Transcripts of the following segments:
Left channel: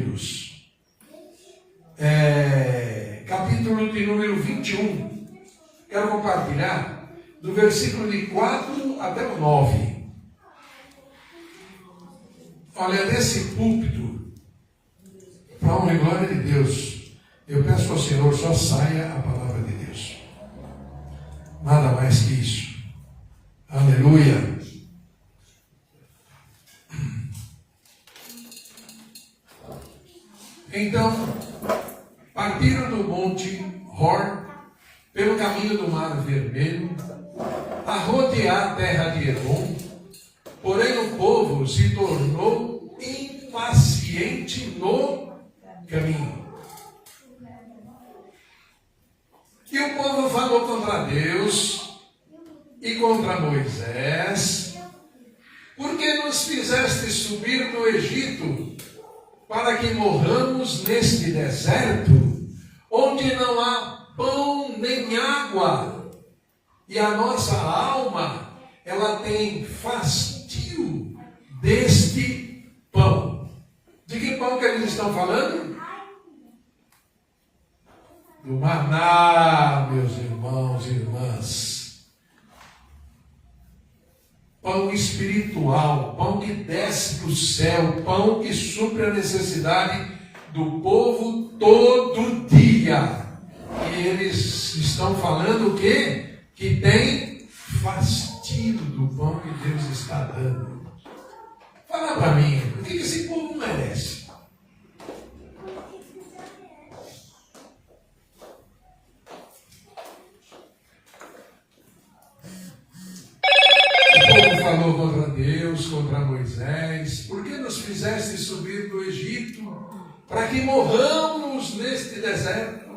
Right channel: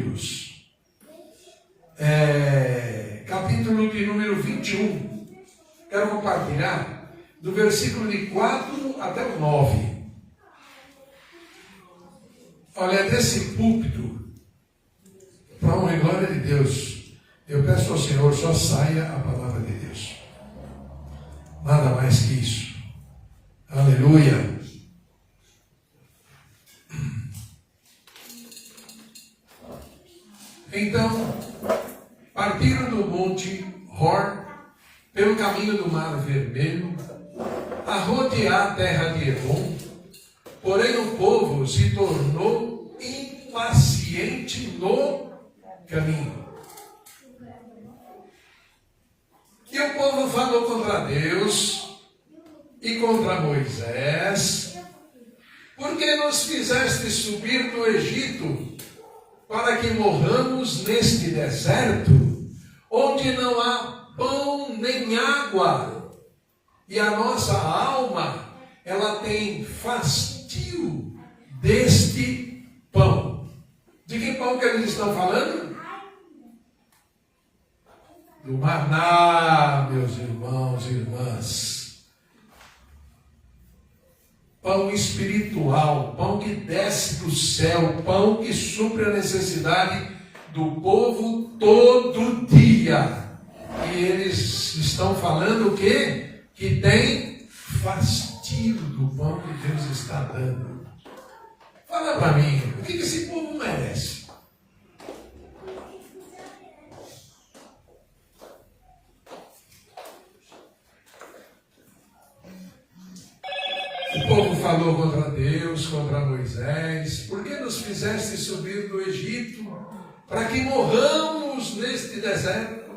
Números, capítulo de número 21. Quero compartilhar do versículo de 4 até o 9. Olha, desse púlpito, para a honra e glória de Deus, eu peço ao Senhor, só saia a palavra de Deus. Nada mais que isso. Aleluia. Então, partiram do monte Hor, pelo caminho do Mar Vermelho, a rodear a terra de Edom, porém o povo se tornou impaciente no caminho. E o povo falou contra Deus e contra Moisés: por que nos fizeste subir do Egito para que morramos neste deserto, onde não há pão nem água, e a nossa alma, ela tem fastio deste pão? De que pão que eles estão falando? Do maná, meus irmãos e irmãs. Pão espiritual, pão que desce do céu, pão que supre a necessidade do povo todo dia. E eles estão falando o quê? Que tem fastio do pão que Deus está dando. Fala para mim, o que esse povo merece? O povo falou contra Deus, contra Moisés: por que nos fizeste subir do Egito para que morramos neste deserto,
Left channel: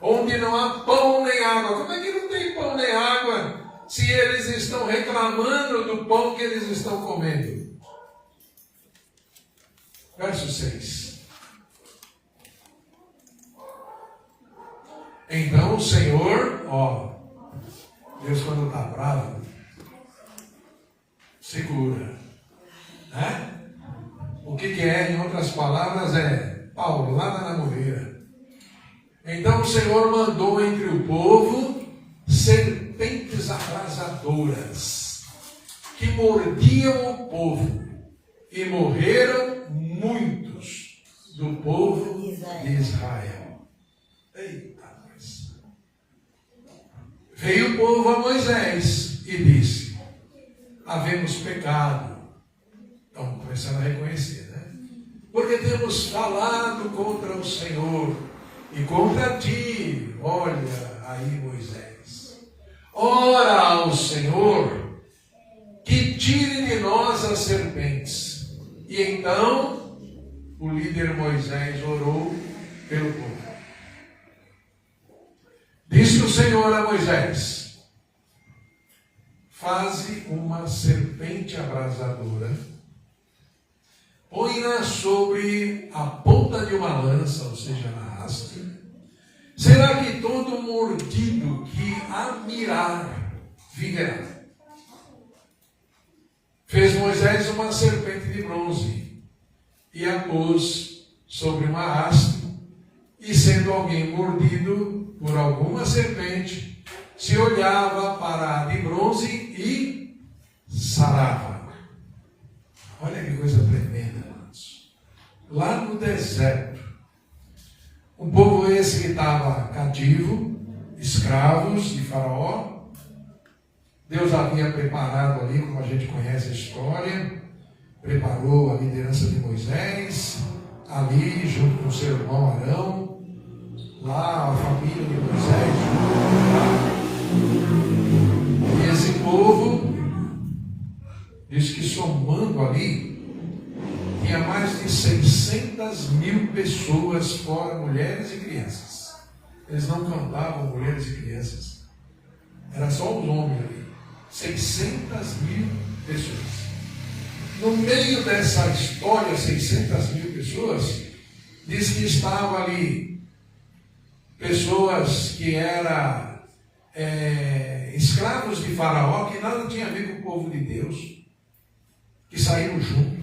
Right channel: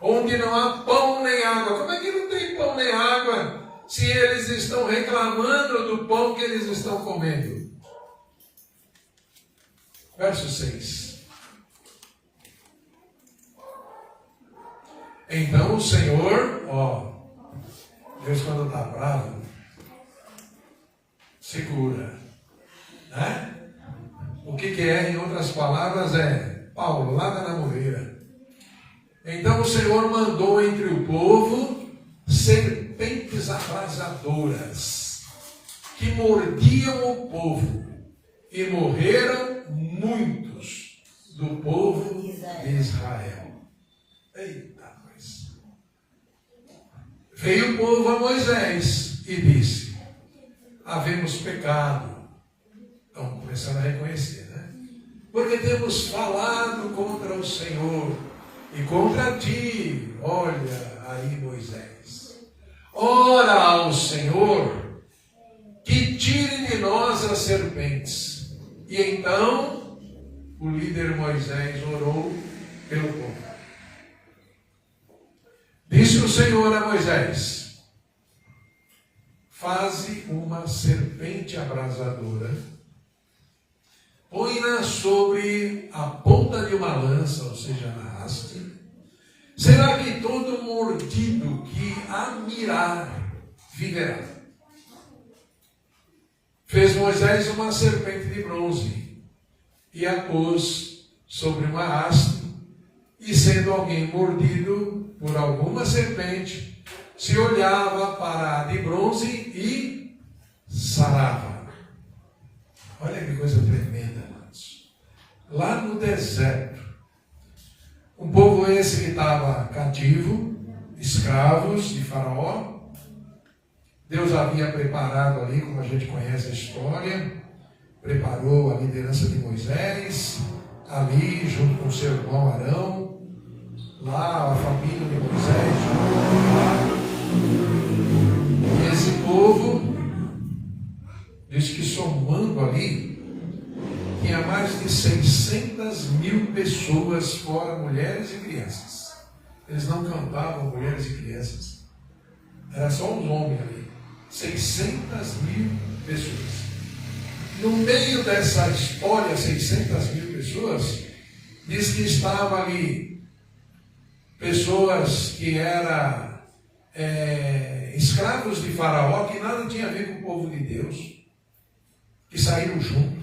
onde não há pão nem água? Como é que não tem pão nem água, se eles estão reclamando do pão que eles estão comendo? Verso 6. Então o Senhor, Deus quando está bravo, segura, né? O que é, em outras palavras, é paulada na moreira. Então o Senhor mandou entre o povo serpentes abrasadoras, que mordiam o povo, e morreram muitos do povo de Israel. Eita, mas... Veio o povo a Moisés e disse: havemos pecado. Estão começando a reconhecer, né? Porque temos falado contra o Senhor e contra ti. Olha aí, Moisés. Ora ao Senhor que tire de nós as serpentes. E então o líder Moisés orou pelo povo. Disse o Senhor a Moisés: faze uma serpente abrasadora, põe-na sobre a ponta de uma lança, ou seja, na haste. Será que todo mordido que a mirar viverá? Fez Moisés uma serpente de bronze e a pôs sobre uma haste, e sendo alguém mordido por alguma serpente, se olhava para a de bronze e sarava. Olha que coisa tremenda, irmãos. Lá no deserto, um povo esse que estava cativo, escravos de Faraó. Deus havia preparado ali, como a gente conhece a história, preparou a liderança de Moisés, ali junto com o seu irmão Arão, lá a família de Moisés. E esse povo, diz que somando ali, tinha mais de 600 mil pessoas, fora mulheres e crianças. Eles não cantavam mulheres e crianças. Era só os homens ali. 600 mil pessoas. No meio dessa história, 600 mil pessoas, diz que estavam ali pessoas que eram escravos de Faraó, que nada tinha a ver com o povo de Deus, que saíram junto.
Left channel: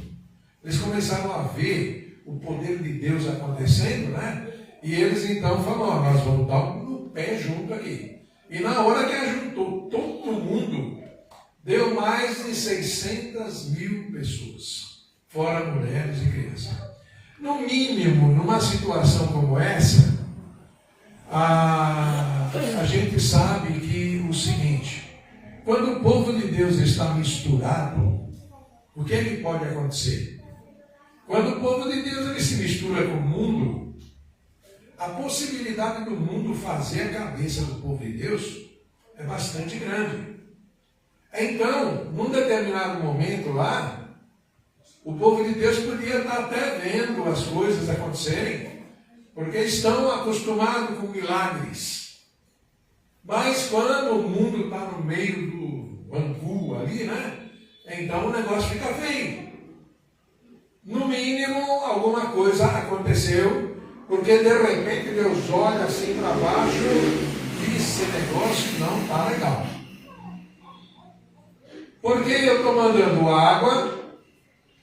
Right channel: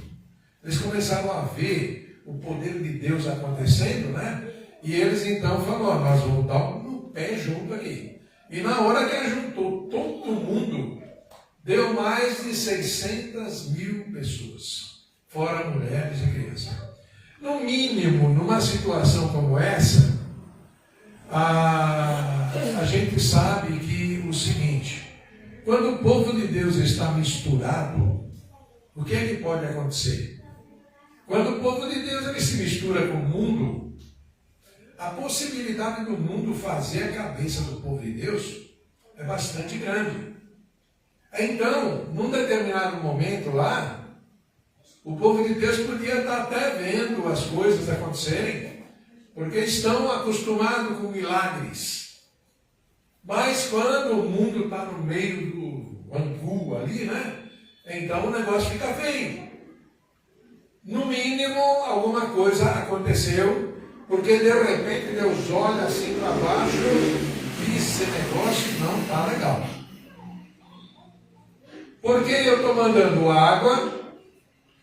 Eles começaram a ver o poder de Deus acontecendo, né? E eles então falaram, nós vamos dar um pé junto aqui. E na hora que ajuntou todo mundo, deu mais de 600 mil pessoas, fora mulheres e crianças. No mínimo, numa situação como essa, a gente sabe que o seguinte, quando o povo de Deus está misturado, o que é que pode acontecer? Quando o povo de Deus ele se mistura com o mundo, a possibilidade do mundo fazer a cabeça do povo de Deus é bastante grande. Então, num determinado momento lá, o povo de Deus podia estar até vendo as coisas acontecerem, porque estão acostumados com milagres. Mas quando o mundo está no meio do angu ali, né? Então o negócio fica feio. No mínimo, alguma coisa aconteceu, porque de repente Deus olha assim para baixo e esse negócio não está legal. Porque eu estou mandando água,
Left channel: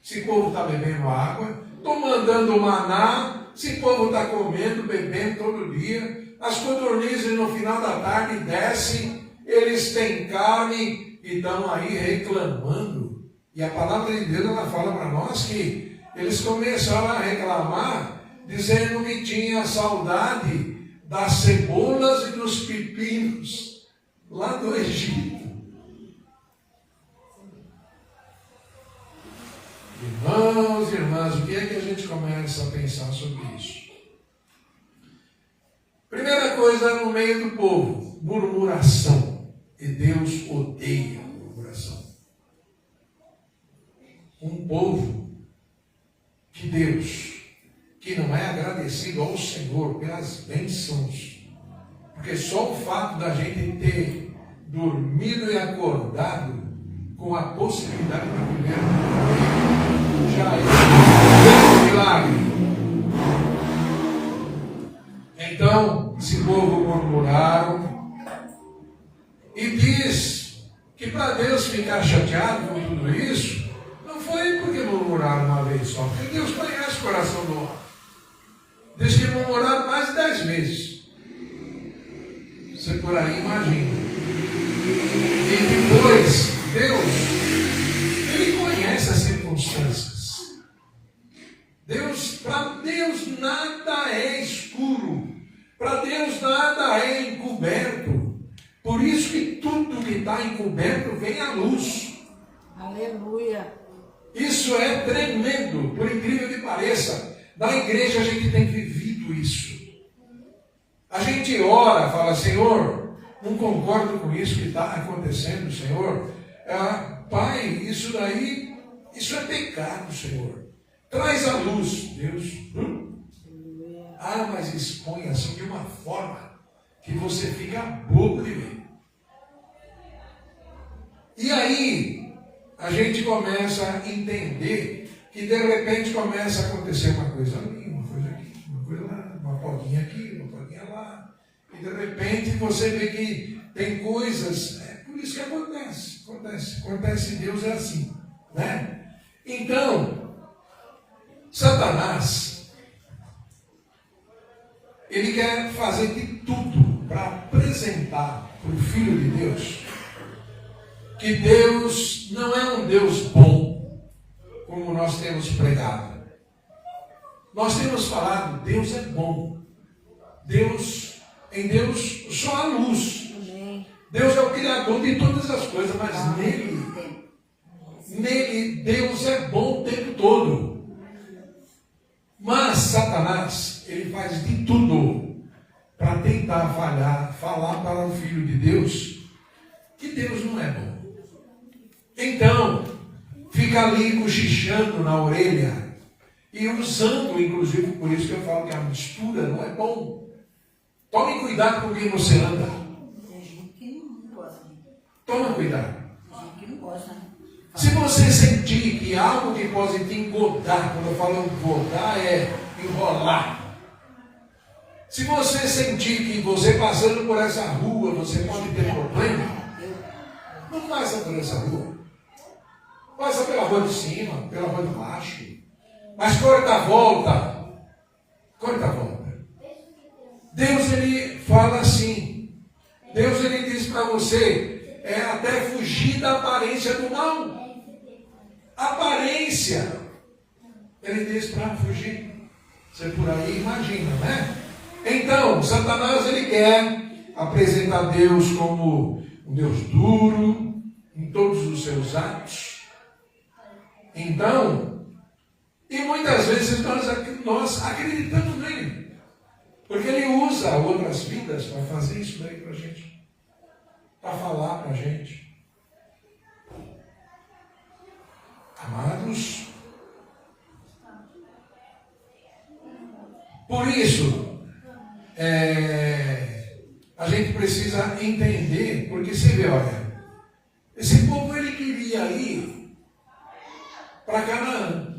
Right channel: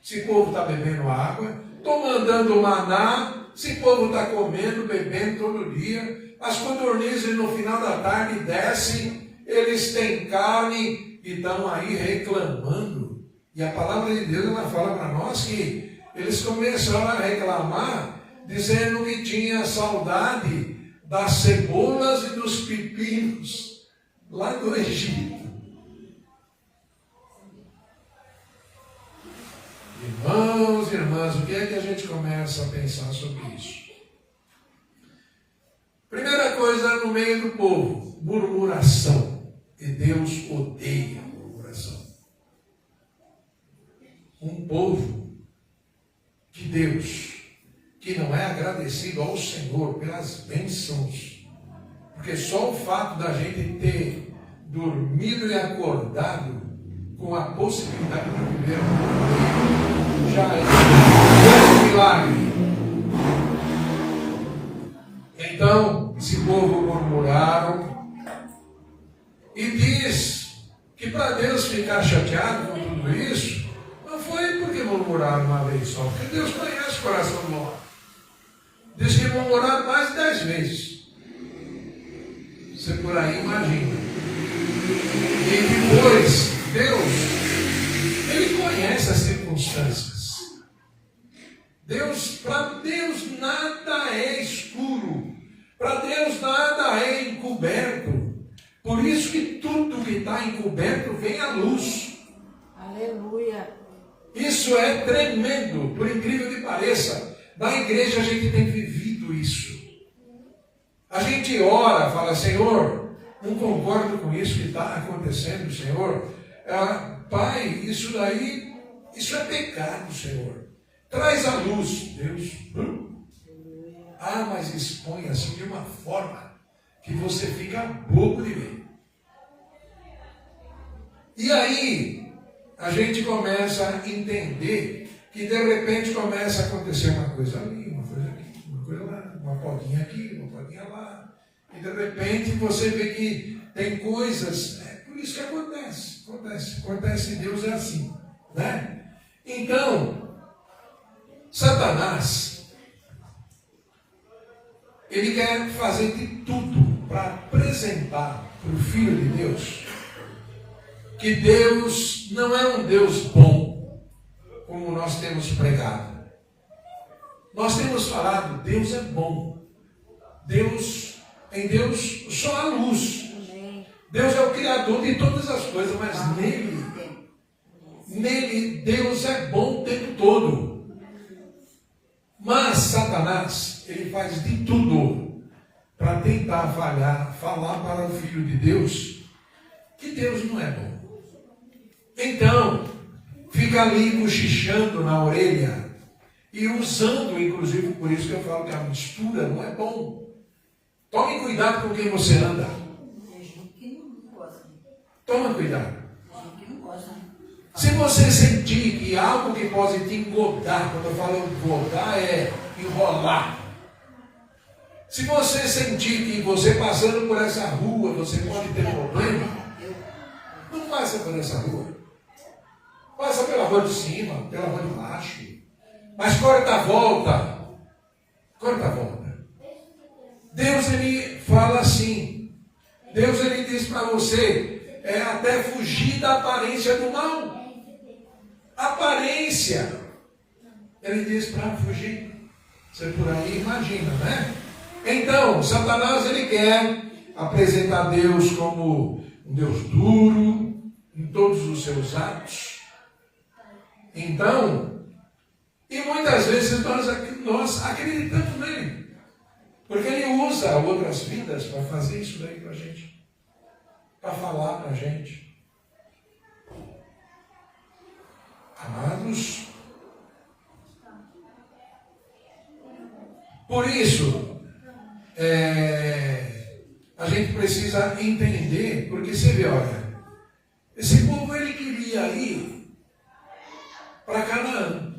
esse povo está bebendo água, estou mandando maná, esse povo está comendo, bebendo todo dia, as codornizes no final da tarde descem, eles têm carne e estão aí reclamando. E a palavra de Deus ela fala para nós que eles começaram a reclamar, dizendo que tinha saudade das cebolas e dos pepinos lá do Egito. Irmãos e irmãs, o que é que a gente começa a pensar sobre isso? Primeira coisa no meio do povo, murmuração. E Deus odeia a murmuração. Um povo que Deus, que não é agradecido ao Senhor pelas bênçãos, porque só o fato da gente ter dormido e acordado com a possibilidade de viver já é um milagre. Então, esse povo murmuraram e diz que para Deus ficar chateado com tudo isso, não foi porque murmuraram uma vez só, porque Deus conhece o coração do homem. Diz que murmuraram mais de 10 vezes. Você por aí imagina. E depois, Deus, Ele conhece as circunstâncias. Para Deus nada é escuro. Para Deus nada é encoberto. Por isso que tudo que está encoberto vem à luz. Aleluia. Isso é tremendo, por incrível que pareça. Na igreja a gente tem vivido isso. A gente ora, fala, Senhor, não concordo com isso que está acontecendo, Senhor. Pai, isso daí, isso é pecado, Senhor. Traz a luz, Deus. Mas expõe assim de uma forma que você fica bobo de ver. E aí, a gente começa a entender que de repente começa a acontecer uma coisa ali, uma coisa aqui, uma coisa lá, uma podinha aqui, uma podinha lá. E de repente você vê que tem coisas, por isso que acontece em Deus é assim, né? Então, Satanás, ele quer fazer de tudo para apresentar para o Filho de Deus que Deus não é um Deus bom, como nós temos pregado. Nós temos falado, Deus é bom. Em Deus só há luz. Deus é o Criador de todas as coisas, mas nele Deus é bom o tempo todo. Mas Satanás, ele faz de tudo para tentar falar para o Filho de Deus que Deus não é bom. Então, fica ali cochichando na orelha e usando, inclusive, por isso que eu falo que a mistura não é bom. Tome cuidado com quem você anda. Toma cuidado. Se você sentir que algo que pode te engodar, quando eu falo engodar é enrolar. Se você sentir que você passando por essa rua, você pode ter problema, não passa por essa rua. Passa pela rua de cima, pela rua de baixo. Mas corta a volta. Corta a volta. Deus, ele fala assim. Deus, ele diz para você, até fugir da aparência do mal. Aparência. Ele diz para fugir. Você por aí imagina, né? Então, Satanás, ele quer apresentar Deus como um Deus duro em todos os seus atos. Então, e muitas vezes nós acreditamos nele. Porque ele usa outras vidas para fazer isso daí para a gente. Para falar para a gente. Amados, por isso, a gente precisa entender, porque você vê, olha, esse povo ele queria ir para Canaã.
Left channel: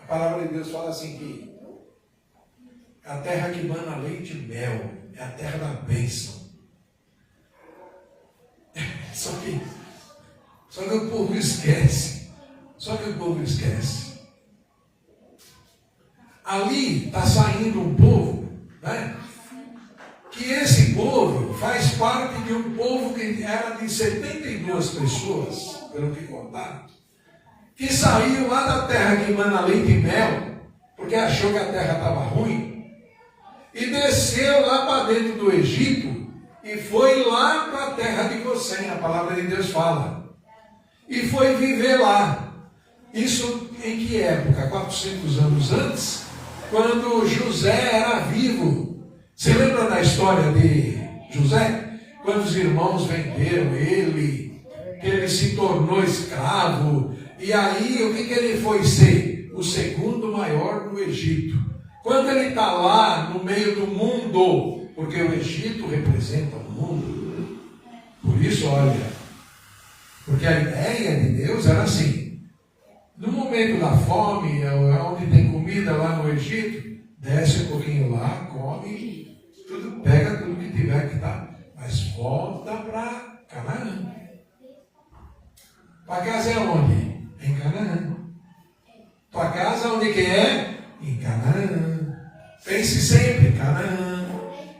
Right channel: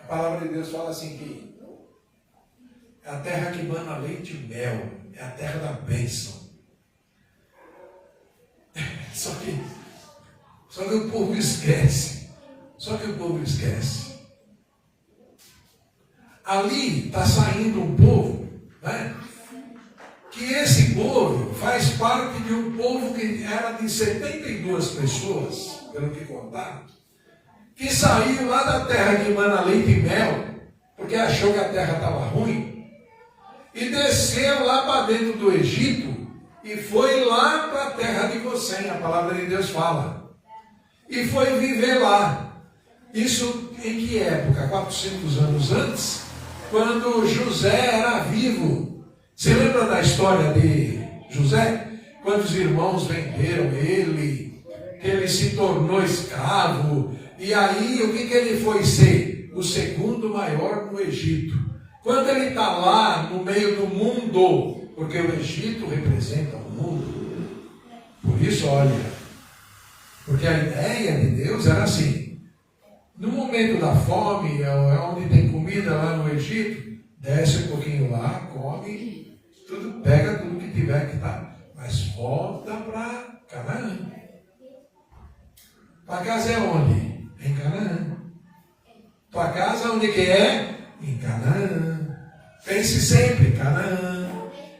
A palavra de Deus fala assim que é a terra que mana leite e mel, é a terra da bênção. Só que o povo esquece. Ali está saindo um povo, né? Que esse povo faz parte de um povo que era de 72 pessoas, pelo que contaram, que saiu lá da terra que mana leite e mel, porque achou que a terra estava ruim, e desceu lá para dentro do Egito, e foi lá para a terra de Gosém, a palavra de Deus fala, e foi viver lá. Isso em que época? 400 anos antes, quando José era vivo. Você lembra da história de José? Quando os irmãos venderam ele, que ele se tornou escravo, e aí o que ele foi ser? O segundo maior no Egito. Quando ele está lá no meio do mundo, porque o Egito representa o mundo, por isso, olha, porque a ideia de Deus era assim, no momento da fome, onde tem comida lá no Egito, desce um pouquinho lá, come, pega tudo que tiver que tá, mas volta para Canaã. Tua casa é onde? Em Canaã. Tua casa onde que é? Em Canaã. Pense sempre, Canaã.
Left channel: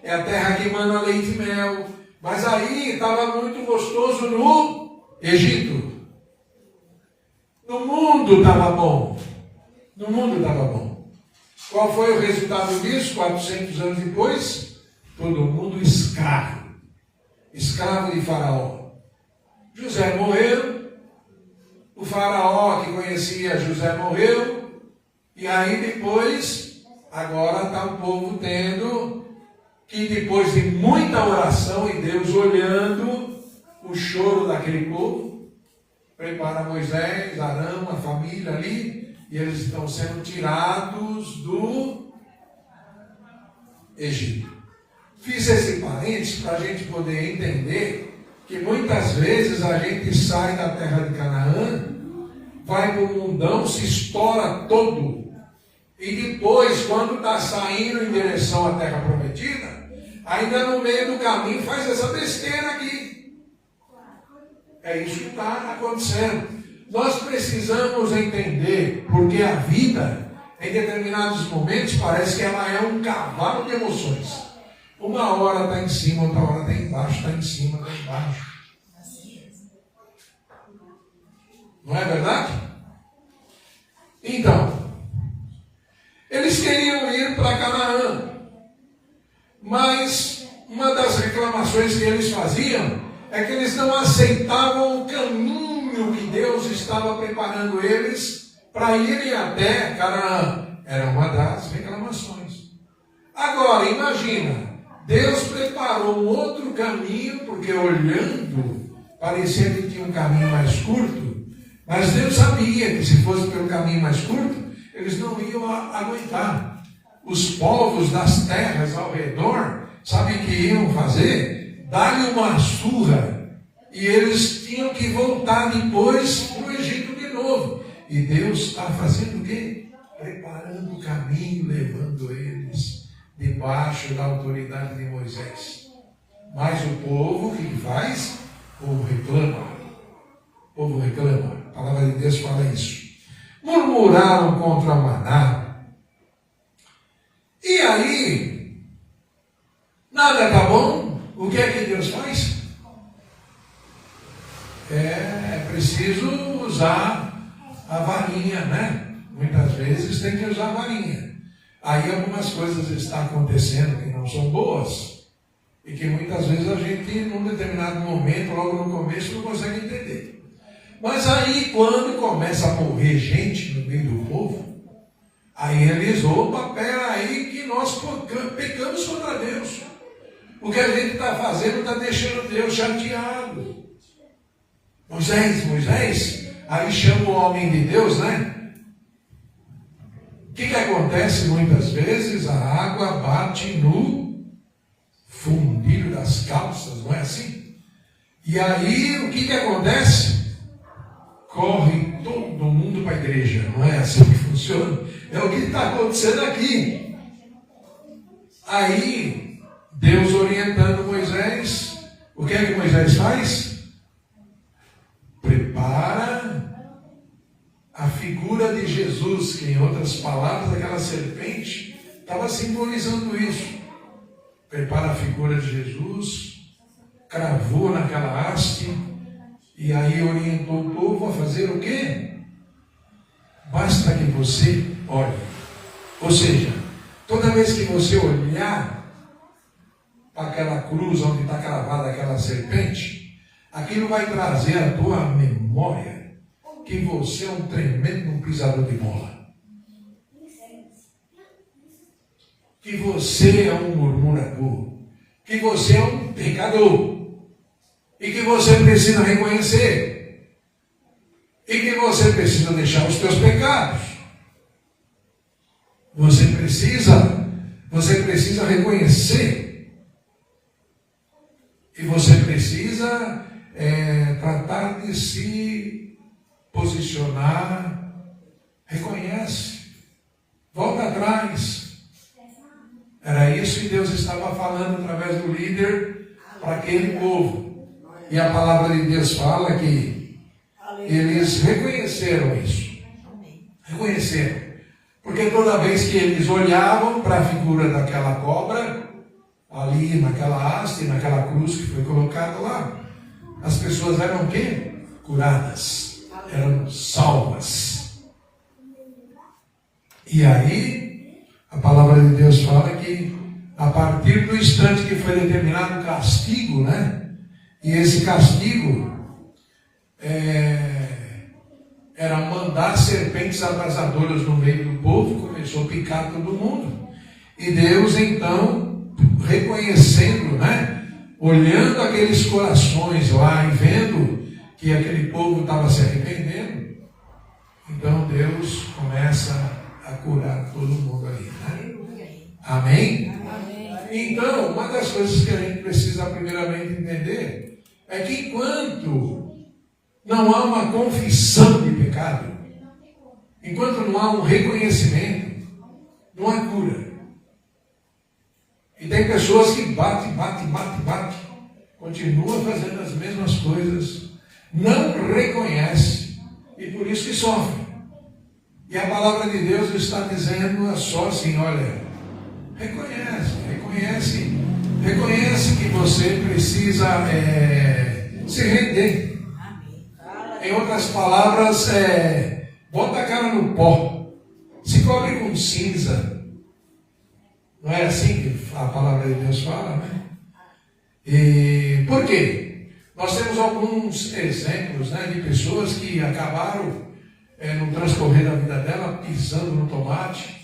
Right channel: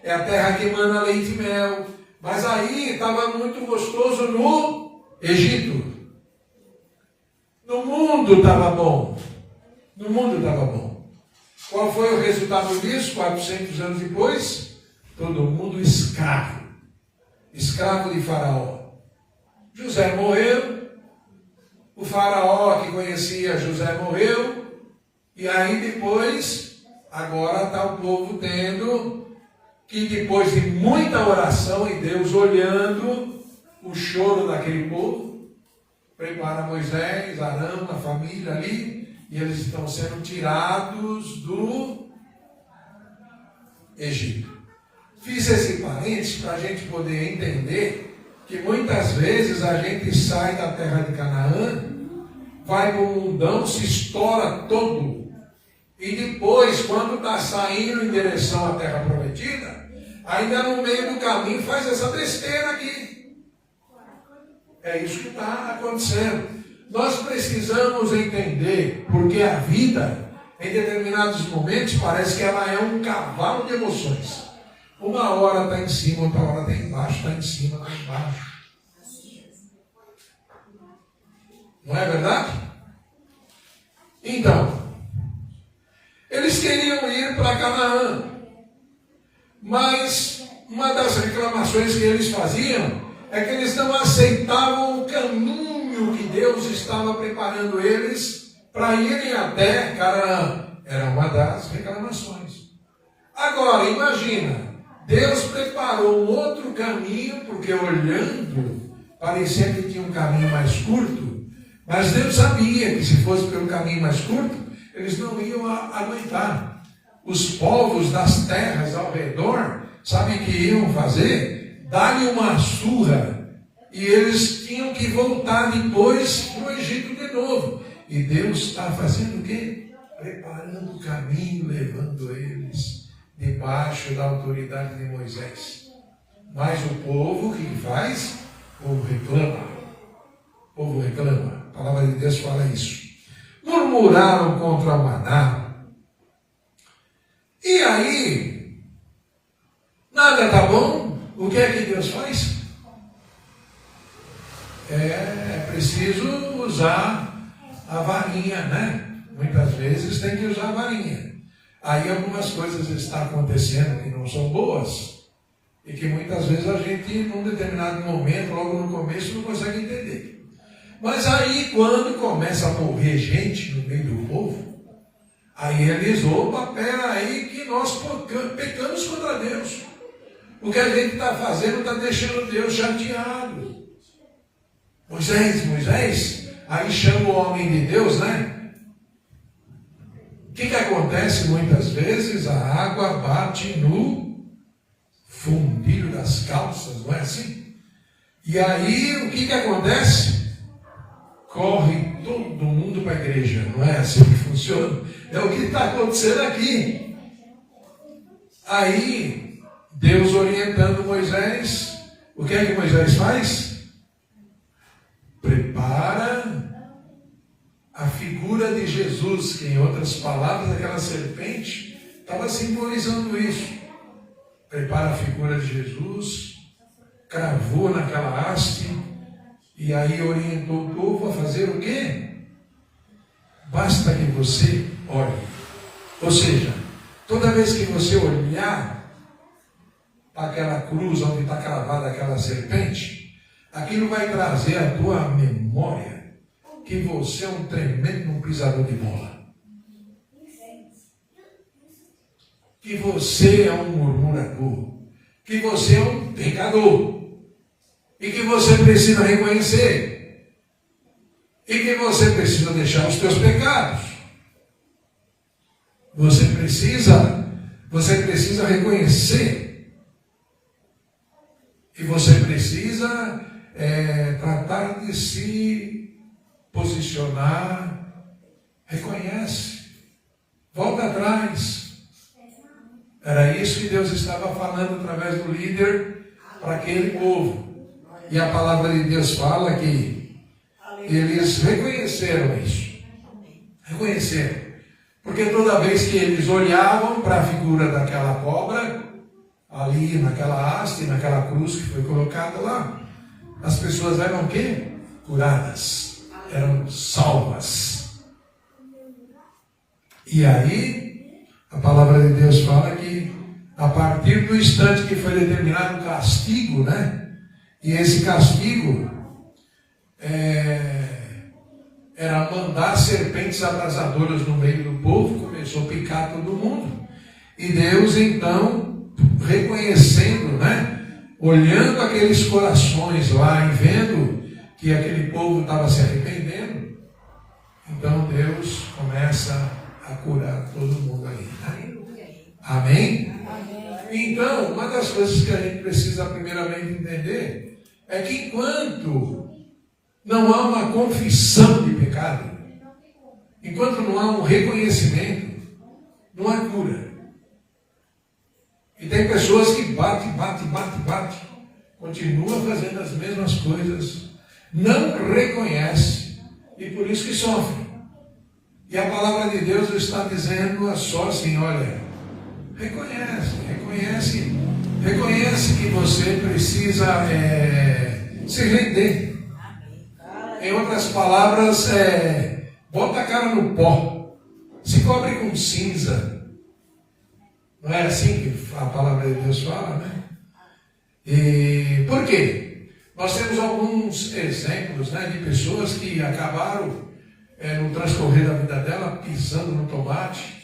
É a terra que mana leite e mel. Mas aí estava muito gostoso no Egito. No mundo estava bom. No mundo estava bom. Qual foi o resultado disso? 400 anos depois, todo mundo escravo. Escravo de Faraó. José morreu. O Faraó que conhecia José morreu. E aí depois, agora está o povo tendo que, depois de muita oração e Deus olhando o choro daquele povo, prepara Moisés, Arão, a família ali, e eles estão sendo tirados do Egito. Fiz esse parênteses para a gente poder entender que muitas vezes a gente sai da terra de Canaã, vai para o mundão, se estoura todo, e depois, quando está saindo em direção à terra prometida, ainda no meio do caminho faz essa besteira aqui. É isso que está acontecendo. Nós precisamos entender, porque a vida, em determinados momentos, parece que ela é um cavalo de emoções. Uma hora está em cima, outra hora está embaixo, está em cima, está embaixo. Não é verdade? Então, eles queriam ir para Canaã, mas uma das reclamações que eles faziam é que eles não aceitavam o caminho que Deus estava preparando eles para irem até Canaã. Era uma das reclamações. Agora, imagina, Deus preparou um outro caminho, porque olhando, parecia que tinha um caminho mais curto, mas Deus sabia que se fosse pelo caminho mais curto, eles não iam aguentar. Os povos das terras ao redor, sabe o que iam fazer? Dar-lhe uma surra, e eles tinham que voltar depois para o Egito de novo. E Deus está fazendo o quê? Preparando o caminho, levando eles debaixo da autoridade de Moisés. Mas o povo, o que faz? O povo reclama. O povo reclama. A palavra de Deus fala isso. Murmura. murmuraram contra o maná. E aí, nada está bom, o que é que Deus faz? É preciso usar a varinha, né? Muitas vezes tem que usar a varinha. Aí algumas coisas estão acontecendo que não são boas e que muitas vezes a gente, num determinado momento, logo no começo, não consegue entender. Mas aí, quando começa a morrer gente no meio do povo, aí eles, opa, peraí que nós pecamos contra Deus. O que a gente está fazendo está deixando Deus chateado. Moisés, aí chama o homem de Deus, né? O que acontece muitas vezes? A água bate no fundilho das calças, não é assim? E aí, o que acontece? Corre todo mundo para a igreja, não é assim que funciona? É o que está acontecendo aqui. Aí, Deus orientando Moisés, o que é que Moisés faz? Prepara a figura de Jesus, que em outras palavras, aquela serpente estava simbolizando isso. Prepara a figura de Jesus, cravou naquela haste, e aí orientou o povo a fazer o quê? Basta que você olhe. Ou seja, toda vez que você olhar para aquela cruz onde está cravada aquela serpente, aquilo vai trazer à tua memória que você é um tremendo pisador de bola. Que você é um murmurador. Que você é um pecador. E que você precisa reconhecer. E que você precisa deixar os teus pecados. Você precisa reconhecer. E você precisa tratar de se posicionar. Reconhece. Volta atrás. Era isso que Deus estava falando através do líder para aquele povo. E a palavra de Deus fala que eles reconheceram isso. Reconheceram. Porque toda vez que eles olhavam para a figura daquela cobra, ali naquela haste, naquela cruz que foi colocada lá, as pessoas eram o quê? Curadas. Eram salvas. E aí, a palavra de Deus fala que a partir do instante que foi determinado o castigo, né? E esse castigo era mandar serpentes abrasadoras no meio do povo, começou a picar todo mundo. E Deus, então, reconhecendo, né? Olhando aqueles corações lá e vendo que aquele povo estava se arrependendo, então Deus começa a curar todo mundo aí, né? Amém? Então, uma das coisas que a gente precisa primeiramente entender é que enquanto não há uma confissão de pecado, enquanto não há um reconhecimento, não há cura. E tem pessoas que bate, continua fazendo as mesmas coisas, não reconhece e por isso que sofre. E a palavra de Deus está dizendo só assim, olha, reconhece que você precisa se render. Em outras palavras, bota a cara no pó, se cobre com cinza. Não é assim que a palavra de Deus fala, né? E por quê? Nós temos alguns exemplos, né, de pessoas que acabaram no transcorrer da vida dela pisando no tomate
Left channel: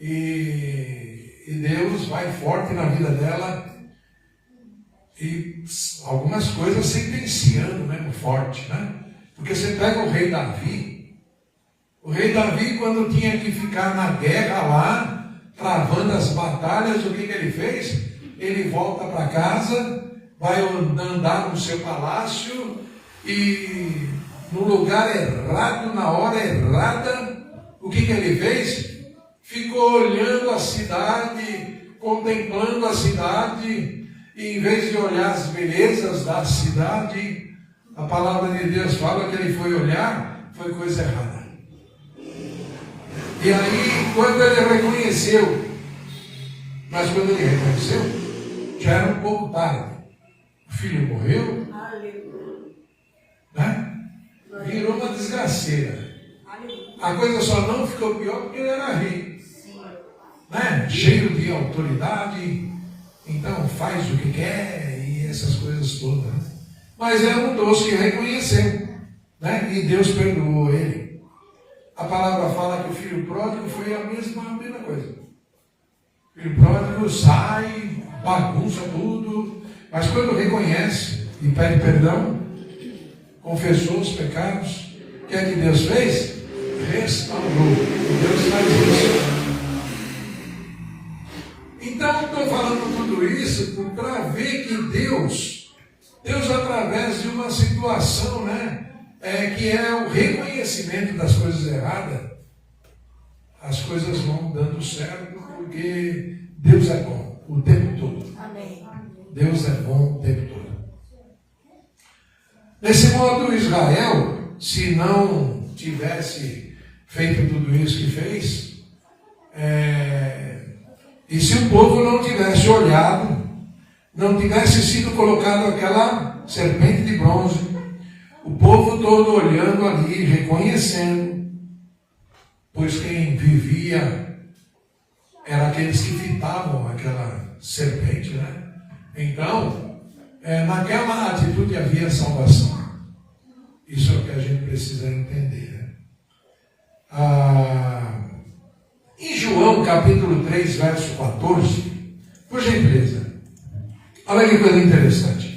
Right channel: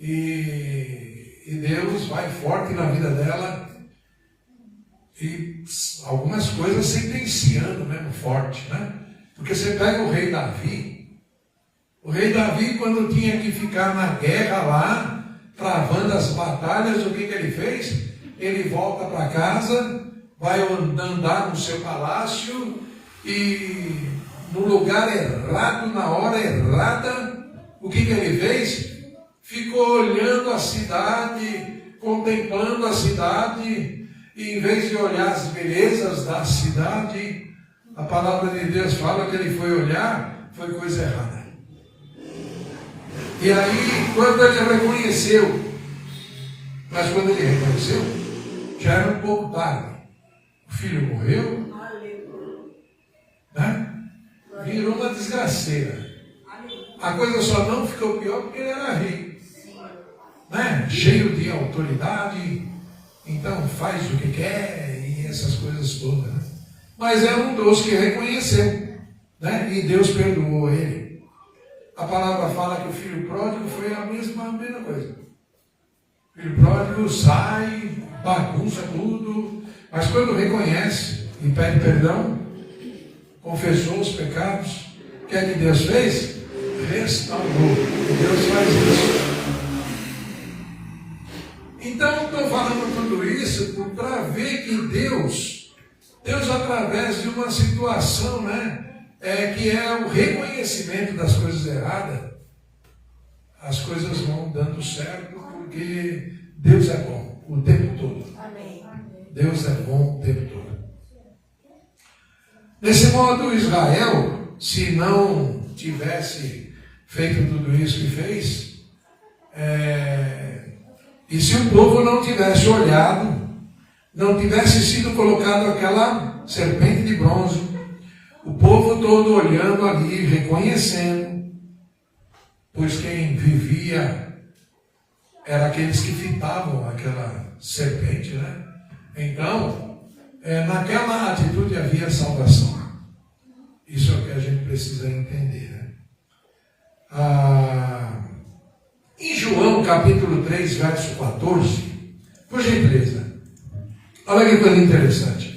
e Deus vai forte na vida dela e algumas coisas sentenciando mesmo forte, né? Porque você pega o rei Davi, quando tinha que ficar na guerra lá, travando as batalhas, o que ele fez? Ele volta para casa, vai andar no seu palácio e no lugar errado, na hora errada, o que ele fez? Ficou olhando a cidade, contemplando a cidade, e em vez de olhar as belezas da cidade, a palavra de Deus fala que ele foi olhar, foi coisa errada. E aí, quando ele reconheceu, mas quando ele reconheceu, já era um pouco tarde. O filho morreu, né? Virou uma desgraceira. A coisa só não ficou pior porque ele era rico, né? Cheio de autoridade, então faz o que quer e essas coisas todas. Né? Mas é um dos que reconheceu, né? E Deus perdoou ele. A palavra fala que o filho pródigo foi a mesma coisa. O filho pródigo sai, bagunça tudo, mas quando reconhece e pede perdão, confessou os pecados, o que é que Deus fez? Restaurou. Deus faz isso. Então, estou falando tudo isso para ver que Deus, através de uma situação, né, que é o reconhecimento das coisas erradas, as coisas vão dando certo, porque Deus é bom o tempo todo. Amém. Deus é bom o tempo todo. Desse modo, Israel, se não tivesse feito tudo isso que fez, e se o povo não tivesse olhado, não tivesse sido colocado aquela serpente de bronze, o povo todo olhando ali, reconhecendo, pois quem vivia era aqueles que fitavam aquela serpente, né? Então, naquela atitude havia salvação. Isso é o que a gente precisa entender, né? Em João capítulo 3, verso 14, por gentileza, olha que coisa interessante.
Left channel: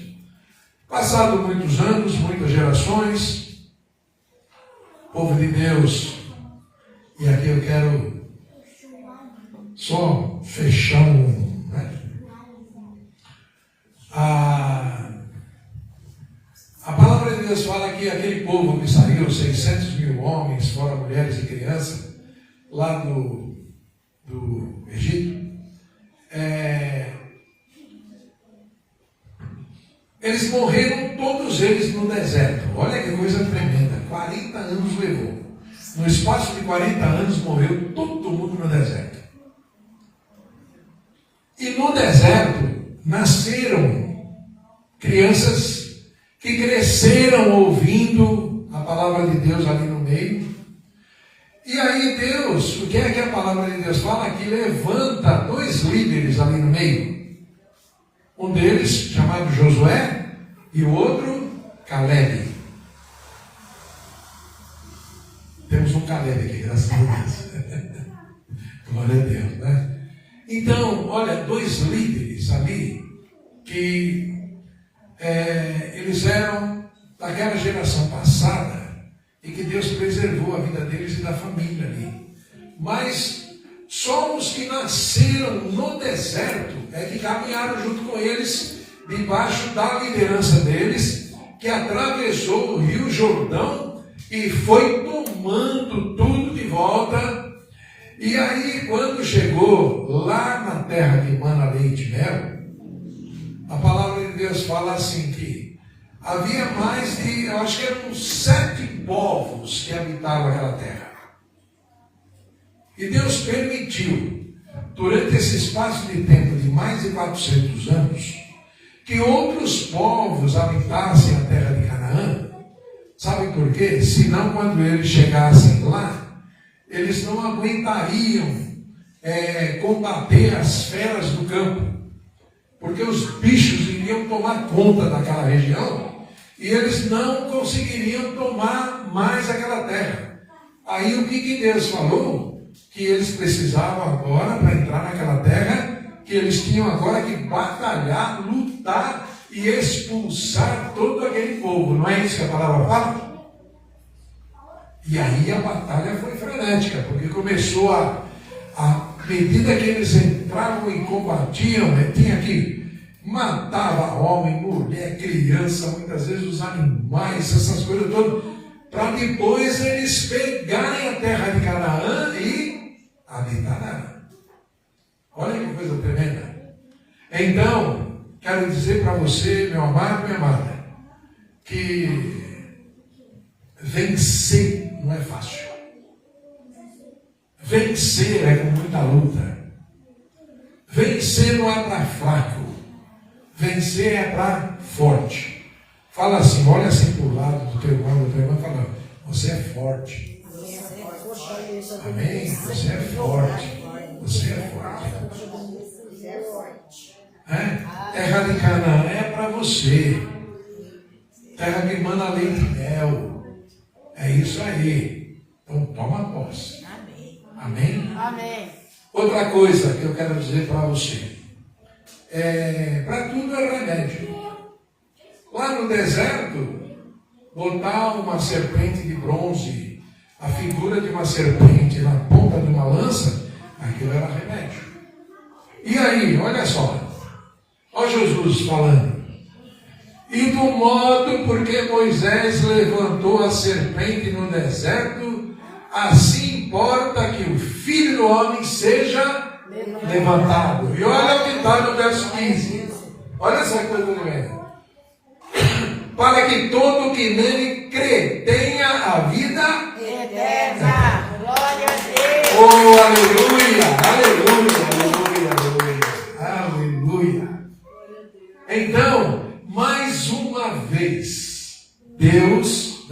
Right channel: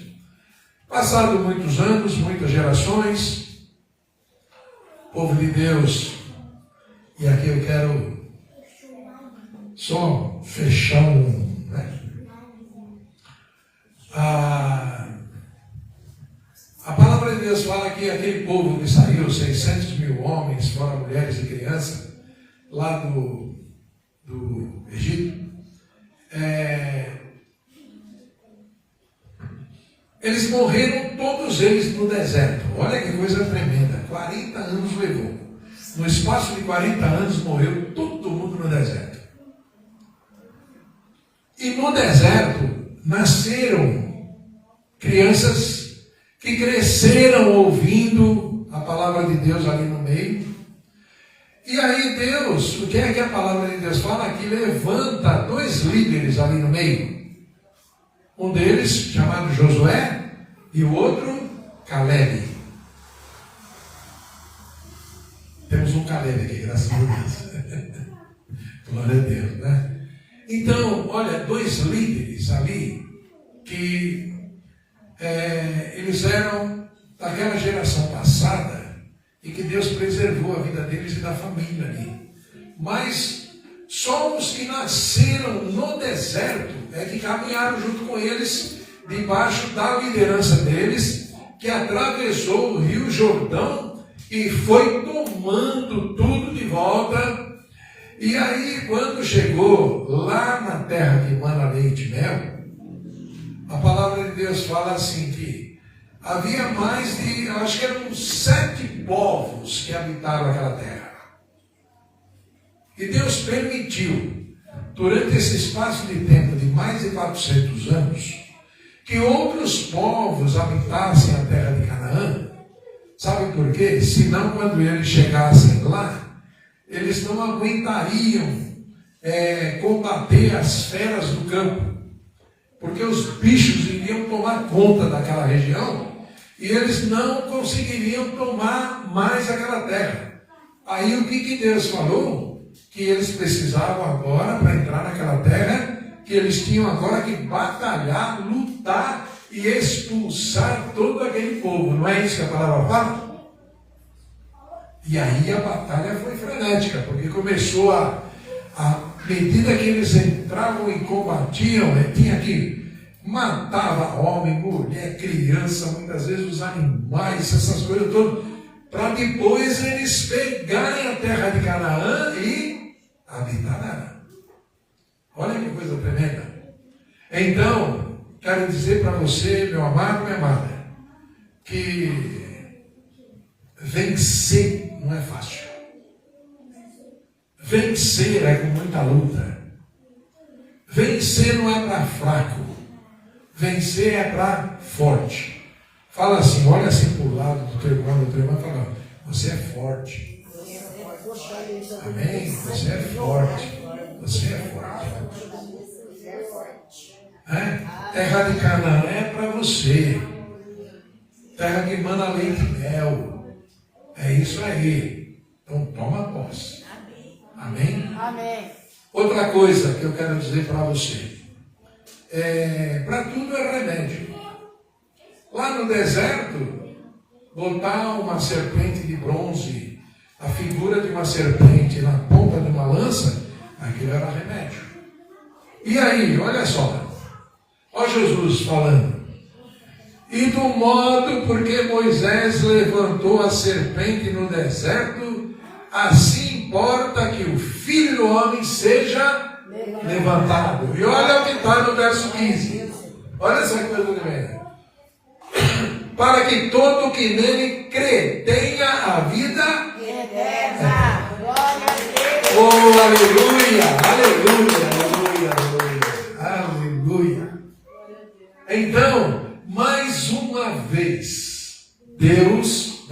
Passado muitos anos, muitas gerações, o povo de Deus, e aqui eu quero só fechar a palavra de Deus fala que aquele povo que saiu, 600 mil homens, fora mulheres e crianças, lá do Egito, eles morreram todos eles no deserto. Olha que coisa tremenda, 40 anos levou. No espaço de 40 anos morreu todo mundo no deserto. E no deserto nasceram crianças que cresceram ouvindo a palavra de Deus ali no meio. E aí Deus, o que é que a palavra de Deus fala? Que levanta dois líderes ali no meio. Um deles, chamado Josué, e o outro, Caleb. Temos um Caleb aqui, graças a Deus. Glória a Deus, né? Então, olha, dois líderes ali, que eles eram daquela geração passada, e que Deus preservou a vida deles e da família ali. Mas só os que nasceram no deserto é que caminharam junto com eles, debaixo da liderança deles, que atravessou o Rio Jordão e foi tomando tudo de volta. E aí, quando chegou lá na terra de mana, leite e mel, a palavra de Deus fala assim que havia mais de, eu acho que eram 7 povos que habitavam aquela terra. E Deus permitiu, durante esse espaço de tempo de mais de 400 anos, que outros povos habitassem a terra de Canaã. Sabe por quê? Senão, quando eles chegassem lá, eles não aguentariam combater as feras do campo, porque os bichos iriam tomar conta daquela região e eles não conseguiriam tomar mais aquela terra. Aí o que Deus falou? Que eles precisavam agora, para entrar naquela terra, que eles tinham agora que batalhar, lutar e expulsar todo aquele povo. Não é isso que a palavra fala? E aí a batalha foi frenética, porque começou à medida que eles entravam e combatiam, tinha que matava homem, mulher, criança, muitas vezes os animais, essas coisas todas, para depois eles pegarem a terra de Canaã e habitar nela. Olha que coisa tremenda. Então, quero dizer para você, meu amado, minha amada, que vencer não é fácil. Vencer é com muita luta. Vencer não é para fraco. Vencer é para forte. Fala assim, olha assim para o lado do teu irmão e fala, você é forte. Amém? Você é forte. Você é forte. Terra de Canaã é para você. Terra que manda leite e mel. É isso aí. Então toma posse. Amém? Amém. Outra coisa que eu quero dizer para você. Para tudo é remédio. Lá no deserto, botar uma serpente de bronze, a figura de uma serpente na ponta de uma lança, aquilo era remédio. E aí, olha só. Olha Jesus falando. E do modo porque Moisés levantou a serpente no deserto, assim importa que o Filho do Homem seja levantado. E olha o que está no verso 15. Olha essa coisa do meio. Para que todo que nele crê tenha a vida eterna. Glória a Deus. Oh, aleluia, aleluia, aleluia, aleluia. Então, mais uma vez, Deus,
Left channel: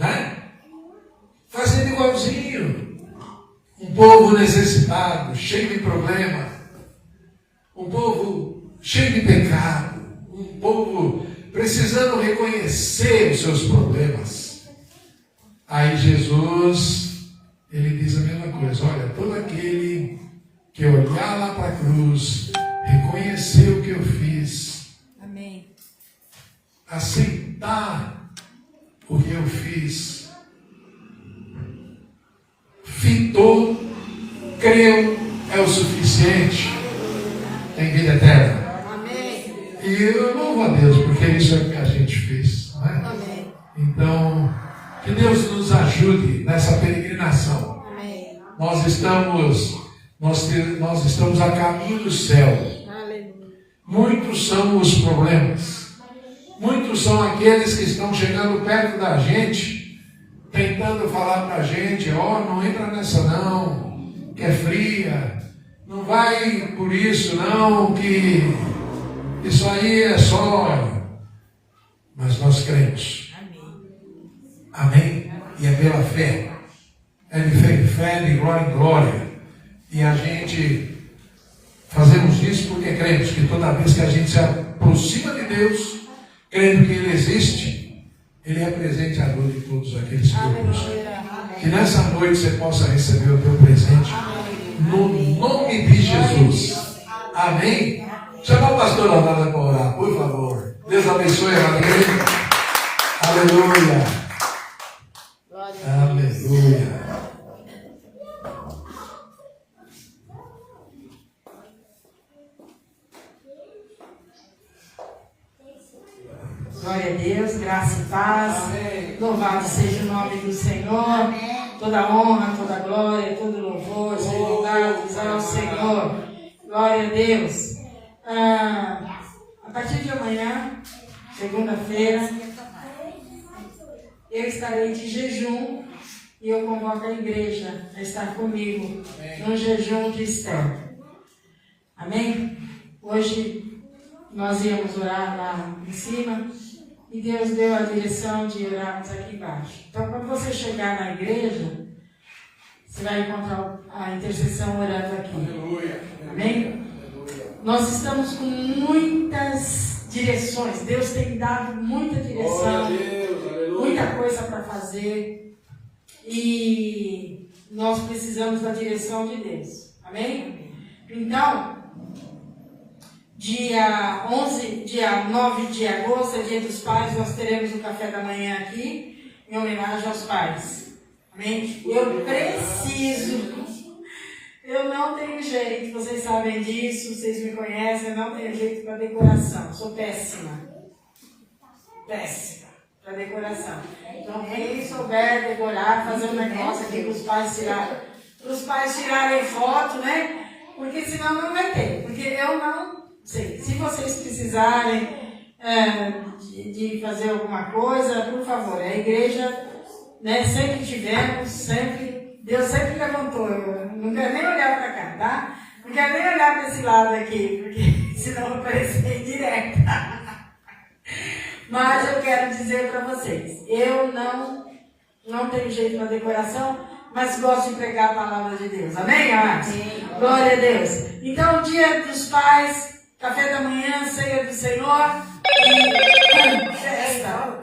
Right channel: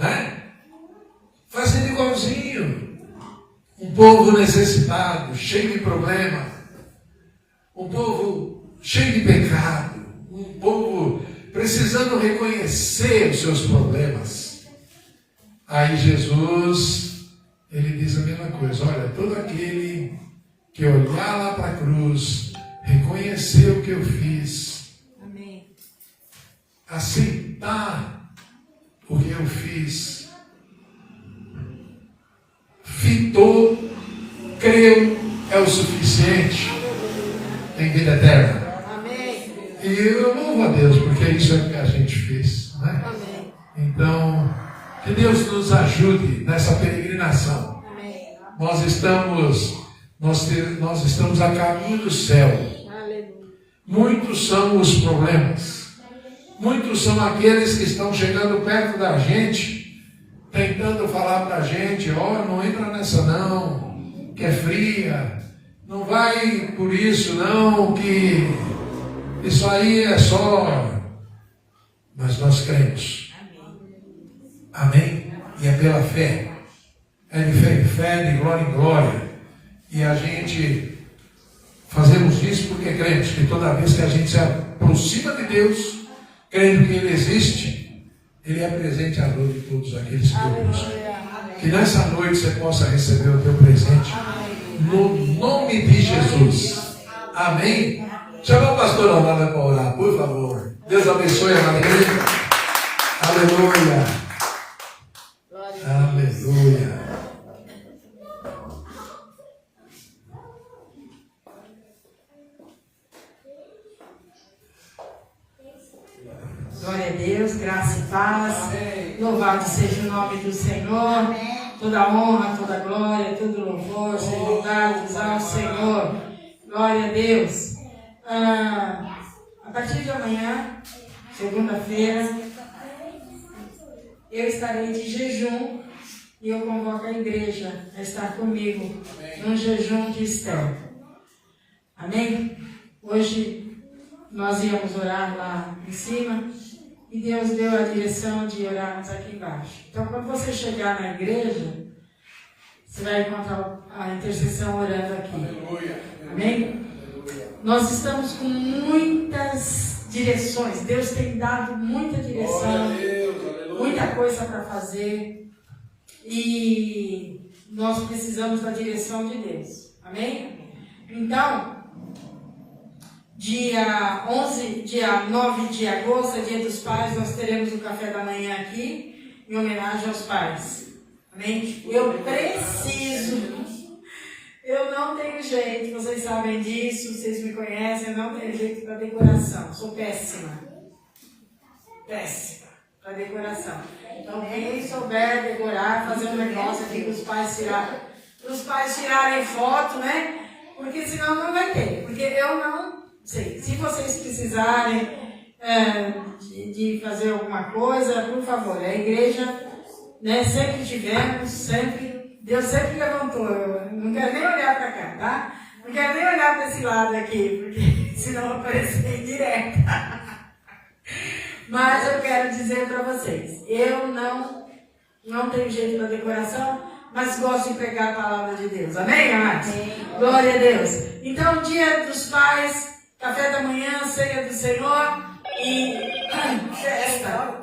fazendo igualzinho. Um povo necessitado, cheio de problema. Um povo cheio de pecado. Um povo precisando reconhecer os seus problemas. Aí Jesus, ele diz a mesma coisa. Olha, todo aquele que olhar lá para a cruz, reconhecer o que eu fiz. Amém. Aceitar o que eu fiz. Fitou, creu, é o suficiente. Tem vida eterna. E eu louvo a Deus, porque isso é o que a gente fez. Né? Amém. Então, que Deus nos ajude nessa peregrinação. Amém. Nós estamos a caminho do céu. Aleluia. Muitos são os problemas. Muitos são aqueles que estão chegando perto da gente, tentando falar para a gente, não entra nessa não, que é fria. Não vai por isso não, que isso aí é só. Mas nós cremos. Amém? E é pela fé. É de fé em fé, de glória em glória. E a gente fazemos isso porque cremos que toda vez que a gente se aproxima de Deus, crendo que Ele existe, Ele é presente à noite de todos aqueles que o buscam. Que nessa noite você possa receber o teu presente. No nome de Jesus. Amém? Chama o pastor Leonardo para orar, por favor. Deus abençoe a Maria. Aleluia. Aleluia. Glória a Deus, graça e paz. Amém. Louvado seja o nome do Senhor. Amém. Toda honra, toda glória, todo louvor sejam dados ao Senhor. Glória a Deus. A partir de amanhã, segunda-feira, eu estarei de jejum e eu convoco a igreja a estar comigo num jejum de Esther. Amém? Hoje nós íamos orar lá em cima e Deus deu a direção de orarmos aqui embaixo. Então, quando você chegar na igreja, você vai encontrar a intercessão orando aqui. Amém? Nós estamos com muitas direções. Deus tem dado muita direção, muita coisa para fazer. E nós precisamos da direção de Deus. Amém? Então, dia 9 de agosto, é dia dos pais, nós teremos o café da manhã aqui, em homenagem aos pais. Amém? Eu não tenho jeito, vocês sabem disso, vocês me conhecem, eu não tenho jeito para decoração, sou péssima para decoração. Então, quem souber decorar, fazer um negócio aqui para os pais tirarem foto, né? Porque senão não vai ter, porque eu não sei. Se vocês precisarem de fazer alguma coisa, por favor, a igreja, né, sempre tivemos, sempre Deus sempre levantou. Eu não quero nem olhar para cá, tá? Não quero nem olhar para esse lado aqui, porque senão eu parecer direto. Mas eu quero dizer para vocês, eu não tenho jeito na decoração, mas gosto de pregar a palavra de Deus. Amém, amados? Glória a Deus. Então, dia dos pais, café da manhã, ceia do Senhor e festa.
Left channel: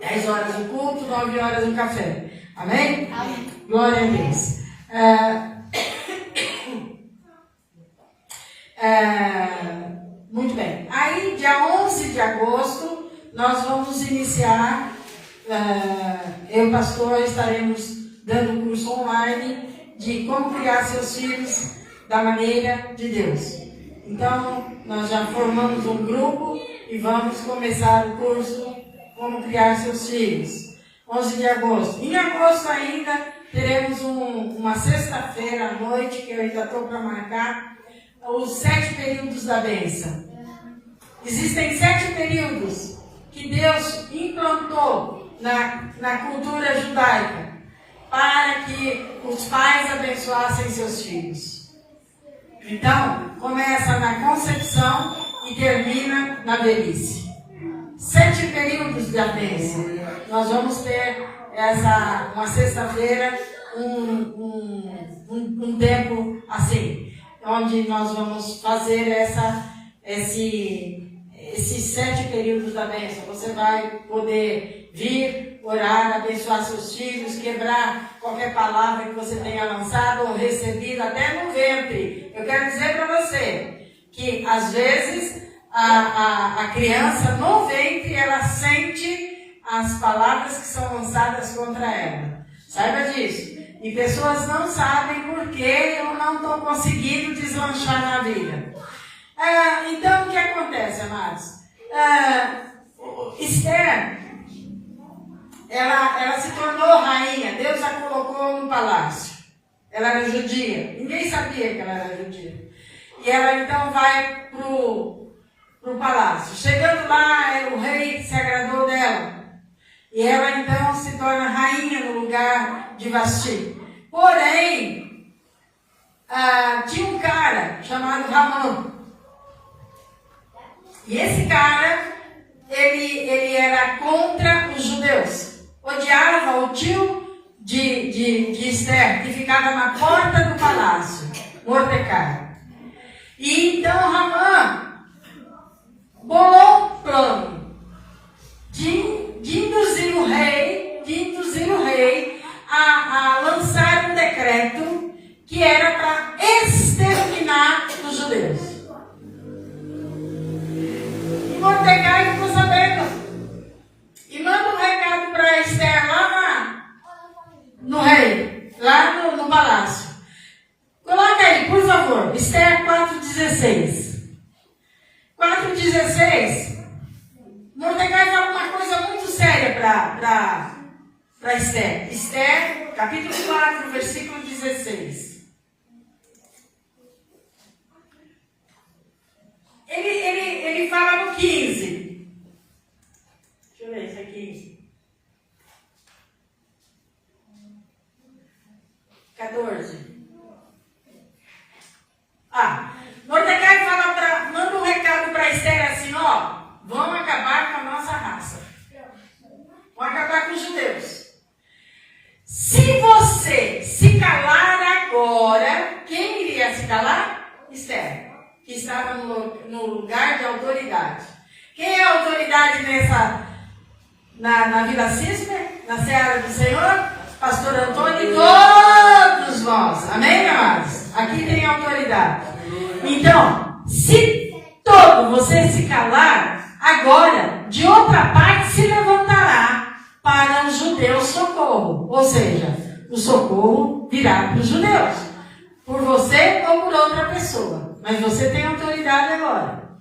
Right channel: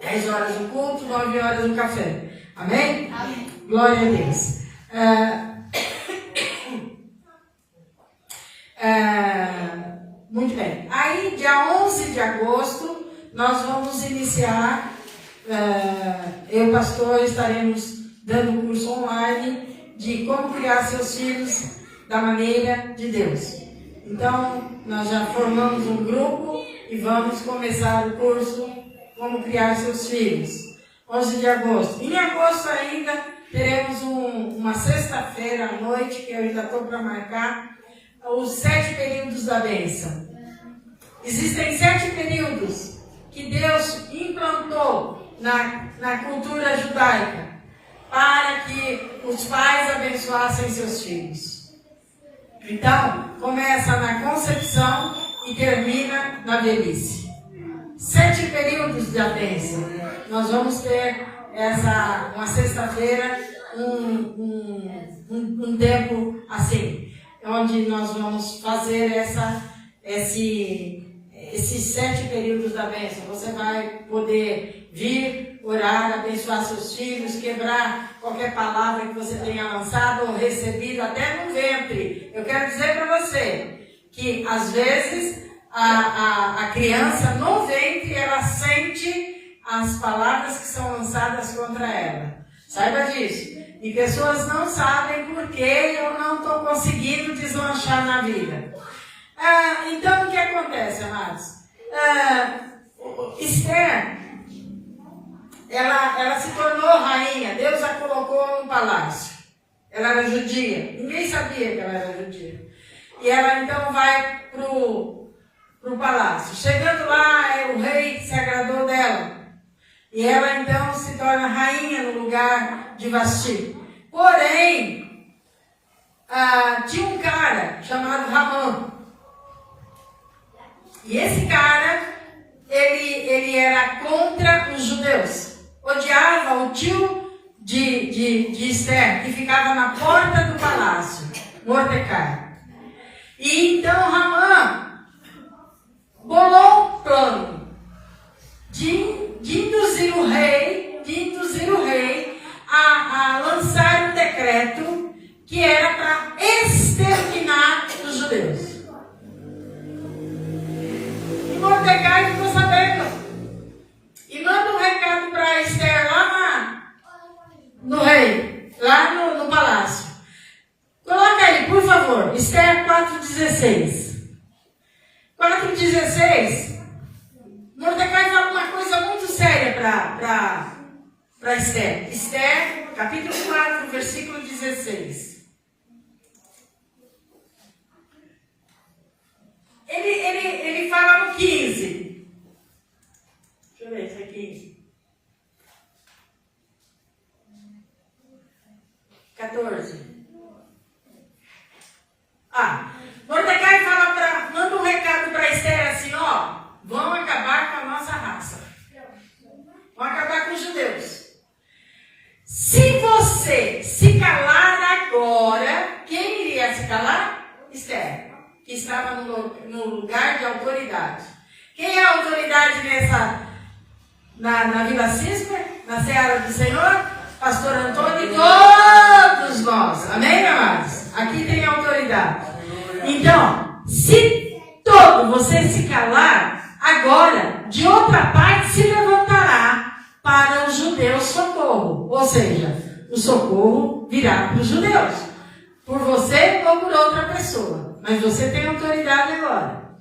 10 horas o culto, 9 horas o café. Amém? Amém. Glória a Deus. Muito bem. Aí, dia 11 de agosto, nós vamos iniciar, eu e o pastor estaremos dando um curso online de como criar seus filhos da maneira de Deus. Então, nós já formamos um grupo e vamos começar o curso Como Criar Seus Filhos. 11 de agosto. Em agosto ainda teremos uma sexta-feira à noite, que eu ainda estou para marcar, os 7 períodos da bênção. Existem 7 períodos que Deus implantou na cultura judaica para que os pais abençoassem seus filhos. Então, começa na concepção e termina na velhice. 7 períodos da bênção. Nós vamos ter uma sexta-feira, um tempo assim, onde nós vamos fazer esses 7 períodos da bênção. Você vai poder vir, orar, abençoar seus filhos, quebrar qualquer palavra que você tenha lançado ou recebido, até no ventre. Eu quero dizer para você que, às vezes, a criança no ventre, ela sente as palavras que são lançadas contra ela. Saiba disso. E pessoas não sabem por que eu não estou conseguindo deslanchar na vida. Então, o que acontece, amados? Esther, ela se tornou rainha. Deus a colocou no palácio. Ela era judia. Ninguém sabia que ela era judia. E ela, então, vai pro palácio. Chegando lá, o rei se agradou dela. E ela, então, se torna rainha no lugar de Vasti. Porém, tinha um cara chamado Ramã. E esse cara, ele era contra os judeus. Odiava o tio de Esther, que ficava na porta do palácio, Mordecai. E então Ramã bolou um plano de induzir o rei a lançar um decreto que era para exterminar os judeus. E Mordecai ficou sabendo e manda um recado para Esther lá no rei, lá no palácio. Coloca aí, por favor, Esther 4,16. 4,16. Mordecai fala uma coisa muito séria para Esther. Esther, capítulo 4, versículo 16. Ele fala no 15. Deixa eu ver isso aqui. 14. Mordecai manda um recado para Esther assim, vão acabar com a nossa raça. Vão acabar com os judeus. Se você se calar agora, quem iria se calar? Esther, que estava no lugar de autoridade. Quem é a autoridade na Vila Cisper, na Seara do Senhor? Pastor Antônio e todos nós. Amém, amados? Aqui tem autoridade. Então, se você se calar, agora, de outra parte se levantará para os judeus socorro. Ou seja, o socorro virá para os judeus. Por você ou por outra pessoa. Mas você tem autoridade agora.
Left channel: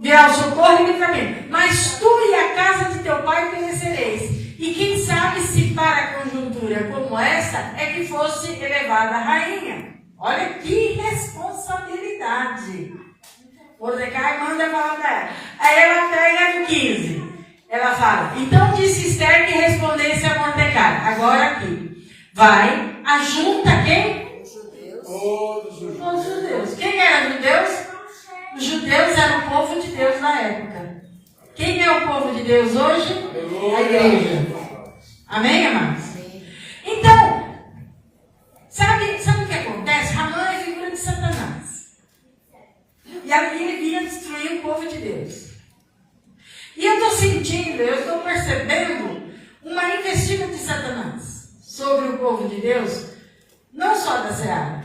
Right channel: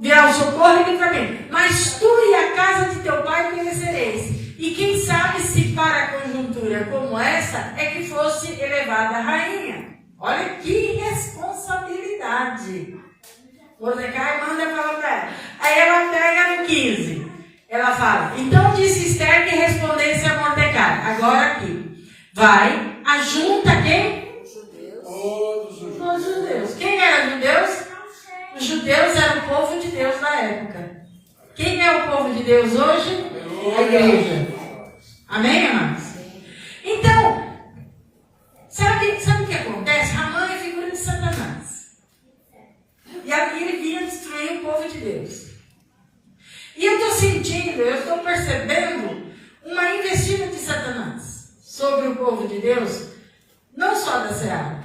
Virá o socorro e livramento. Mas tu e a casa de teu pai perecereis. E quem sabe se para a conjuntura como essa é que fosse elevada a rainha. Olha que responsabilidade. Mordecai manda falar para ela. Aí ela pega no 15. Ela fala, então disse Esther que respondesse a Mordecai. Agora aqui. vai, ajunta quem? Todos os Os judeus. Quem eram os judeus? Os judeus eram o povo de Deus na época. Quem é o povo de Deus hoje? A igreja. Amém, amados? Então, sabe o que acontece? Ramã é figura de Satanás. E aqui ele vinha destruir o povo de Deus. E eu estou sentindo, eu estou percebendo uma investida de Satanás sobre o povo de Deus, não só da Seara,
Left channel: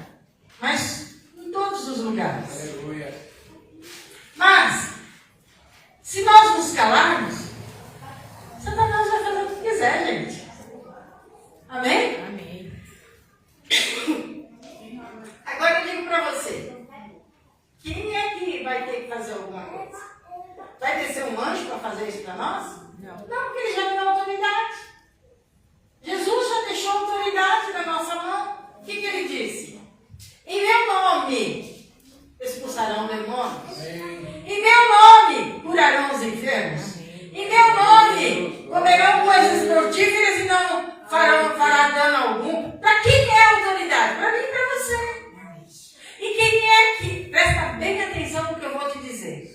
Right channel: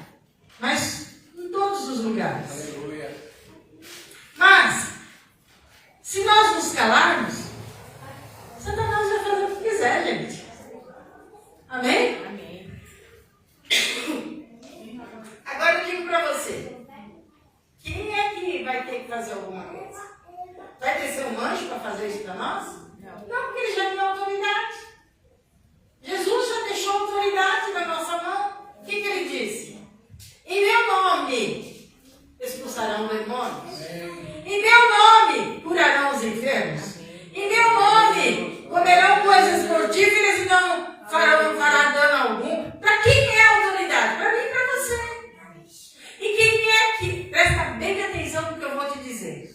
mas em todos os lugares. Aleluia. Mas, se nós nos calarmos, Satanás vai fazer o que quiser, gente. Amém? Amém. Agora eu digo para você, quem é que vai ter que fazer alguma coisa? Vai ter que ser um anjo para fazer isso para nós? Não, porque ele já deu autoridade. Jesus já deixou autoridade na nossa mão. O que ele disse? Em meu nome expulsarão demônios. Em meu nome curarão os enfermos. Em meu nome comerão coisas mortíferas e não fará dano algum. Para quem é a autoridade? Para mim e para você. E quem é que, presta bem atenção no que eu vou te dizer.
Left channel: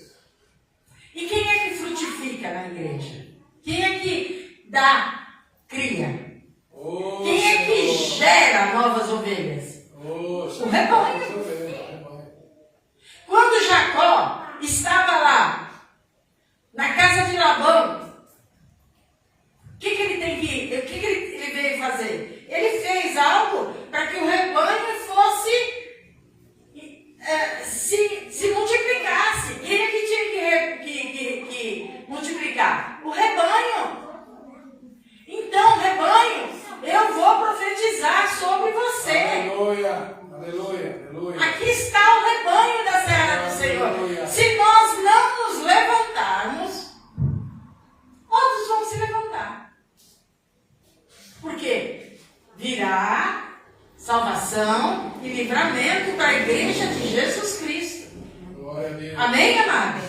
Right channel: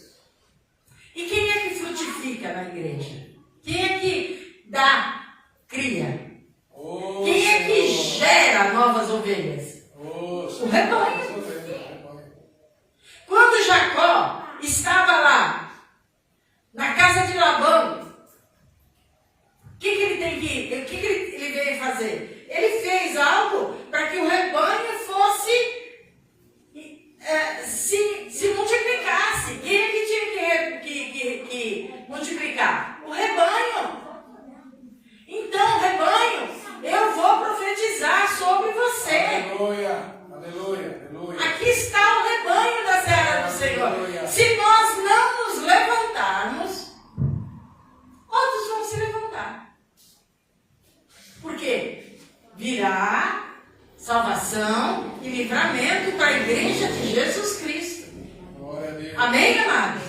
E quem é que frutifica na igreja? Quem é que cria? Quem é que gera novas ovelhas? O rebanho. Quando Jacó estava lá, na casa de Labão, o que ele veio fazer? Ele fez algo para que o rebanho fosse, se multiplicasse. Quem é que tinha que multiplicar? O rebanho. Então, rebanho, eu vou profetizar sobre você. Aleluia, aleluia, aleluia. Aqui está o rebanho da Serra do Senhor. Aleluia. Se nós não nos levantarmos, outros vão se levantar. Por quê? Virá salvação e livramento para a igreja de Jesus Cristo. Glória a Deus. Amém, amados?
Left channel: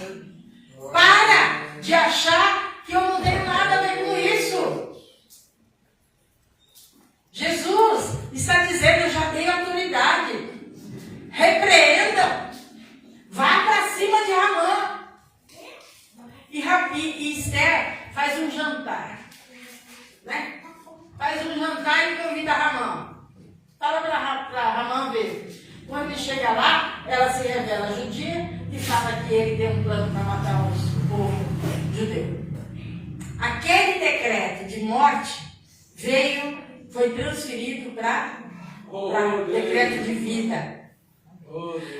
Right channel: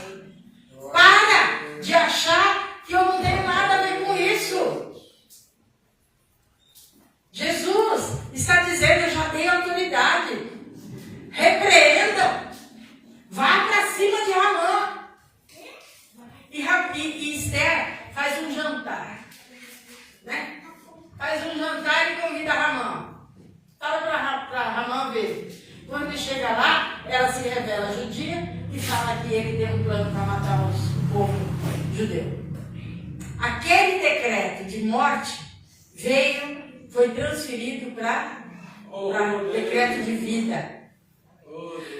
Para de achar que eu não tenho nada a ver com isso. Jesus está dizendo, eu já dei autoridade. Repreendam. Vá para cima de Ramã. E Esther faz um jantar. Né? Faz um jantar e convida Ramã. Fala para Ramã ver. Quando ele chega lá, ela se revela judia e fala que ele tem um plano para matar o povo judeu. Aquele decreto de morte foi transferido para decreto de vida.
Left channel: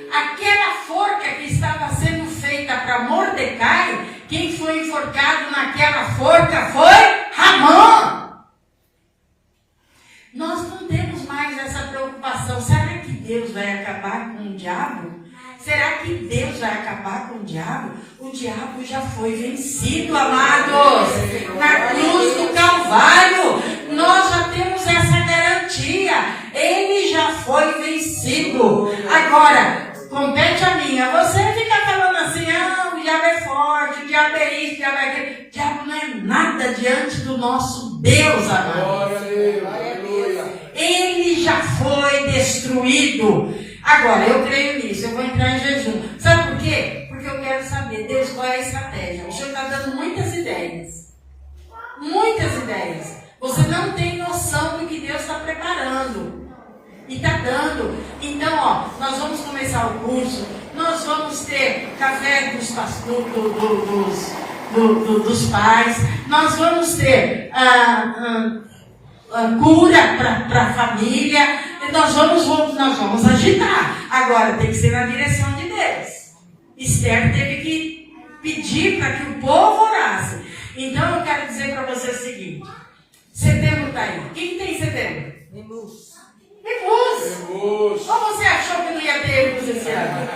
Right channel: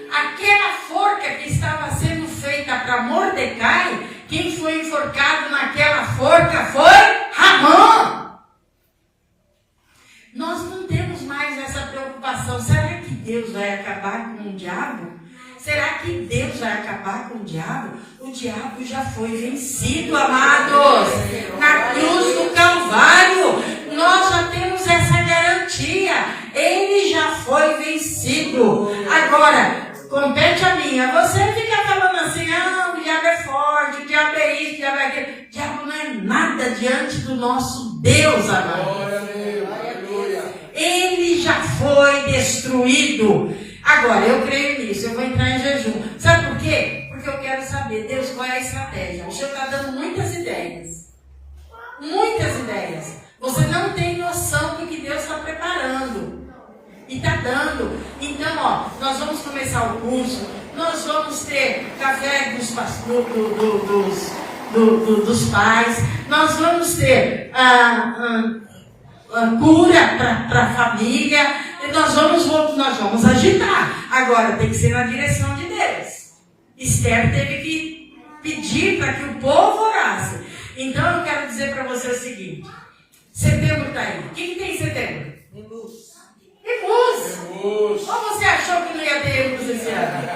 Aquela forca que estava sendo feita para Mordecai, quem foi enforcado naquela forca foi Ramã. Nós não temos mais essa preocupação. Será que Deus vai acabar com o diabo? Será que Deus vai acabar com o diabo? O diabo já foi vencido, amados. Na cruz do Calvário, nós já temos essa garantia. Ele já foi vencido. Agora, compete a mim. Você fica falando assim, o diabo é forte, o diabo é isso, o diabo é aquilo. O diabo não é nada diante do nosso Deus, amado. Glória a Deus, aleluia. Ele já foi destruído. Agora, eu creio nisso, eu vou entrar em jejum. Sabe por quê? Porque eu quero saber, Deus, qual é a estratégia? O Senhor está dando muitas ideias. Muitas ideias. Você não tem noção do que Deus está preparando. E está dando. Então, nós vamos começar o curso. Nós vamos ter café dos pais. Nós vamos ter cura para a família. Nós vamos agitar. Agora, tem que ser na direção de Deus. Esther teve que pedir para que o povo orasse. Então, eu quero dizer para você o seguinte. Setembro está aí. O que tem em setembro? Remus. Ou você achou que não ia ter Remus esse ano?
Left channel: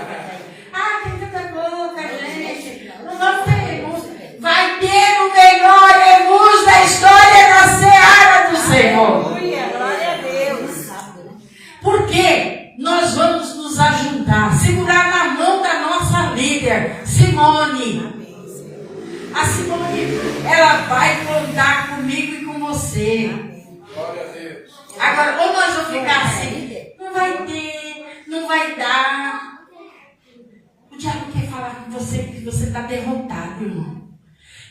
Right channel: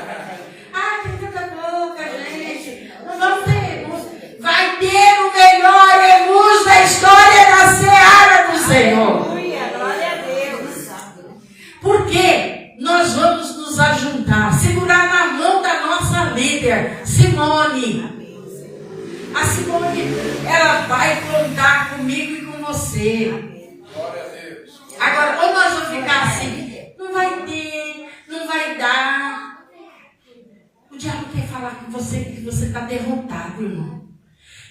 Tem tanta boca, gente. Não vamos ter Remus. Vai ter o melhor Remus da história da Seara do Senhor. Glória a Deus. Porque nós vamos nos ajuntar, segurar na mão da nossa líder, Simone. A Simone, ela vai contar comigo e com você. Glória a Deus. Agora, Agora, ou nós vamos ficar assim, não vai ter, não vai dar. O diabo quer falar com você que você está derrotado, irmão.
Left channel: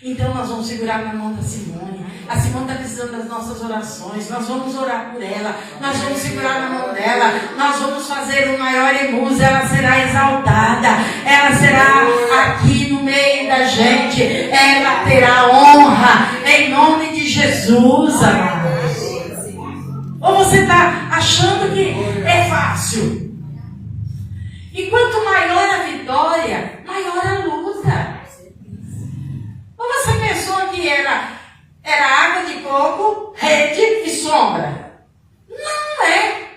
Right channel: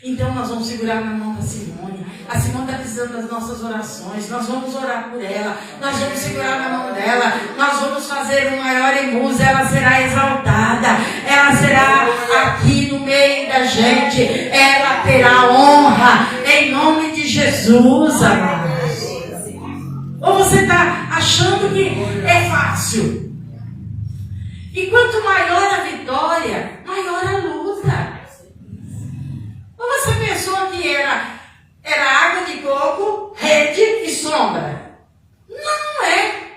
Então nós vamos segurar na mão da Simone. A Simone está precisando das nossas orações. Nós vamos orar por ela. Nós vamos segurar na mão dela. Nós vamos fazer um maior emus. Ela será exaltada. Ela será aqui no meio da gente. Ela terá honra. Em nome de Jesus, amados. Ou você está achando que é fácil? E quanto maior a vitória, maior a luta. Ou você pensou que era água de coco, rede e sombra? Não é.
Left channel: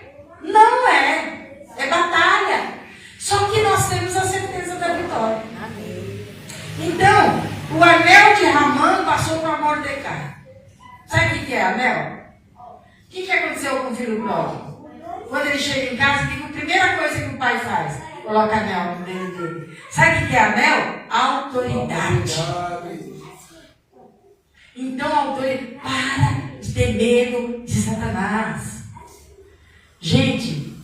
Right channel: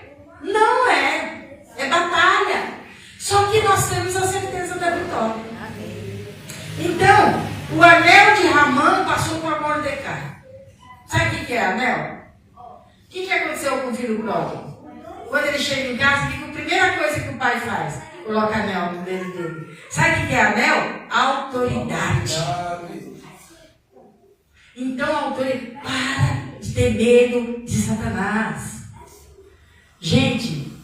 Não é. É batalha. Só que nós temos a certeza da vitória. Então, o anel de Ramã passou para Mordecai. Sabe o que é anel? O que aconteceu com o filho pródigo? Quando ele chega em casa, a primeira coisa que o pai faz? Coloca anel no dedo dele. Sabe o que é anel? Autoridade. Então, autoridade, para de ter medo de Satanás. Gente,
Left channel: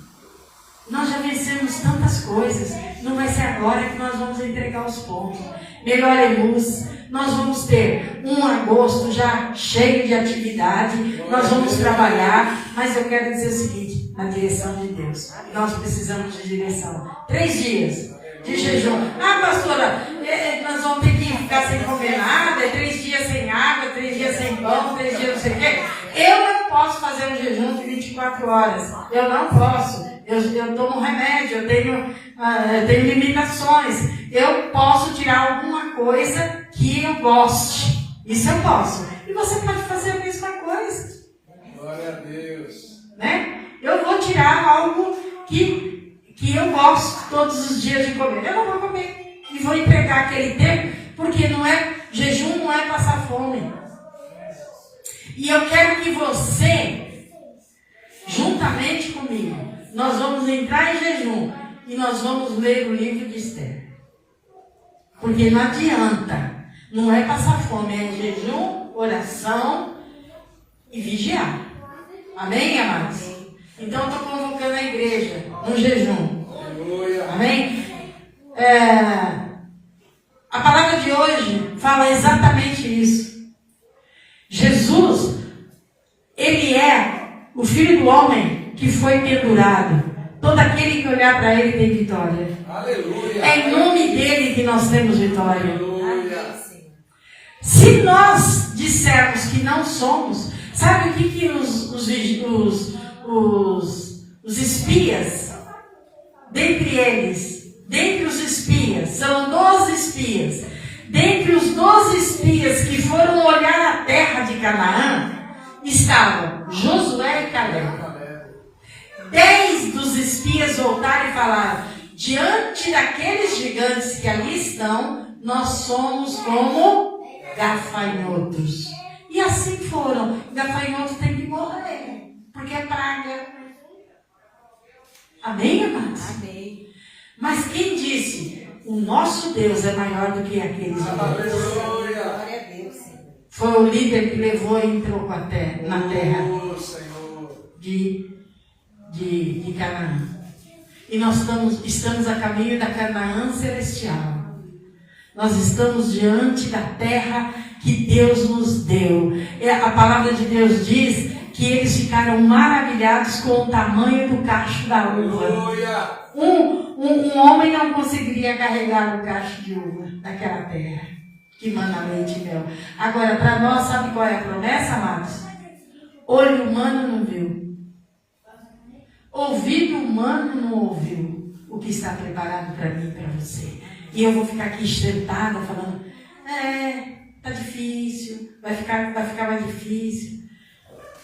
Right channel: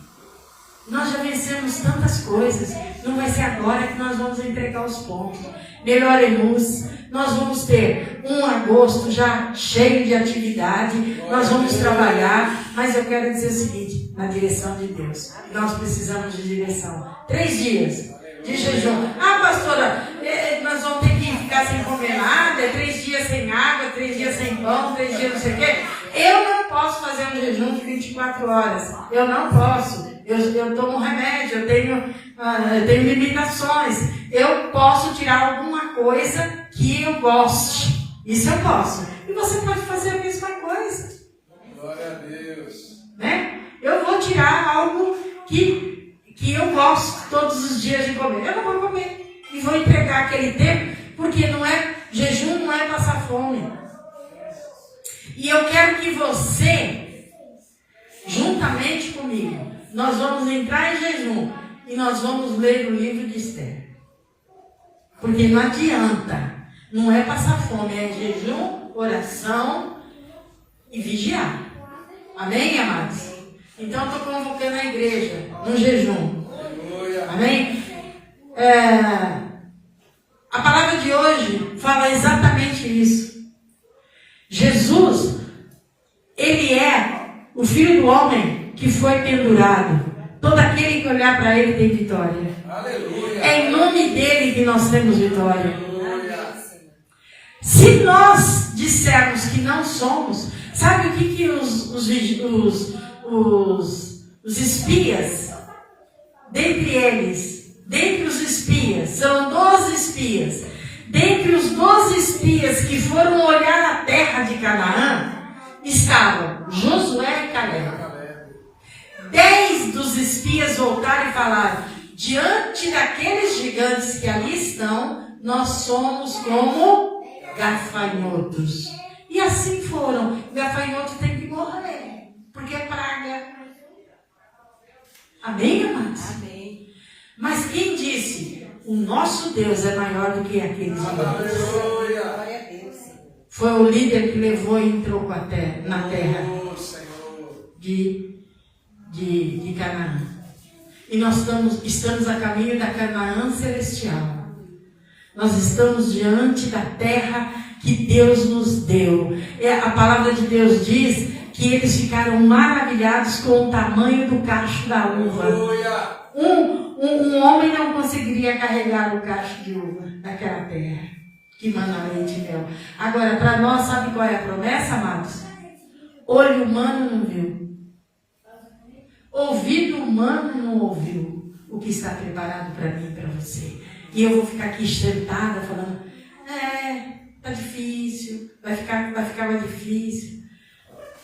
nós já vencemos tantas coisas. Não vai ser agora que nós vamos entregar os pontos. Melhoremos. Nós vamos ter um agosto já cheio de atividade. Nós vamos trabalhar. Mas eu quero dizer o seguinte, na direção de Deus. Nós precisamos de direção. 3 dias de jejum. Ah, pastora, nós vamos ter que ficar sem comer nada, 3 dias sem água, 3 dias sem pão, 3 dias não sei o quê. Eu não posso fazer um jejum de 24 horas. Eu não posso. Eu tomo remédio, eu tenho limitações. Eu posso tirar alguma coisa que eu goste. Isso eu posso. E você pode fazer a mesma coisa. Glória a Deus. Né? Eu vou tirar algo que eu gosto todos os dias de comer. Eu não vou comer. E vou entregar aquele tempo, porque jejum não é passar fome. E eu quero que você, juntamente comigo, nós vamos entrar em jejum e nós vamos ler o livro de Esther. Porque não adianta. Não é passar fome, é jejum, oração e vigiar. Amém, amados? Então eu estou convocando a igreja no jejum. Amém? A palavra de hoje fala exatamente isso. Jesus, ele é o Filho do homem que foi pendurado. Todo aquele que olhar para ele tem vitória. Aleluia. É em nome dele que nós temos vitória. Aleluia. Se nós dissermos que não somos, sabe o que os espias, dentre os espias, são 12 espias, dentre os 12 espias que foram olhar a terra de Canaã, estavam Josué e Caleb. 10 dos espias voltaram e falaram: diante daqueles gigantes que ali estão, nós somos como gafanhotos. E assim foram. O gafanhoto tem que morrer, porque é praga. Amém, amados? Amém. Mas quem disse? O nosso Deus é maior do que aqueles gigantes. Foi o líder que levou e entrou na terra de Canaã. E nós estamos a caminho da Canaã celestial. Nós estamos diante da terra que Deus nos deu. A palavra de Deus diz que eles ficaram maravilhados com o tamanho do cacho da uva. Um homem não conseguiria carregar o cacho de uva daquela terra que manda leite e mel. Agora, para nós, sabe qual é a promessa, amados? Olho humano não viu. Ouvido humano não ouviu o que está preparado para mim e para você. E eu vou ficar aqui sentada falando, tá difícil, vai ficar mais difícil.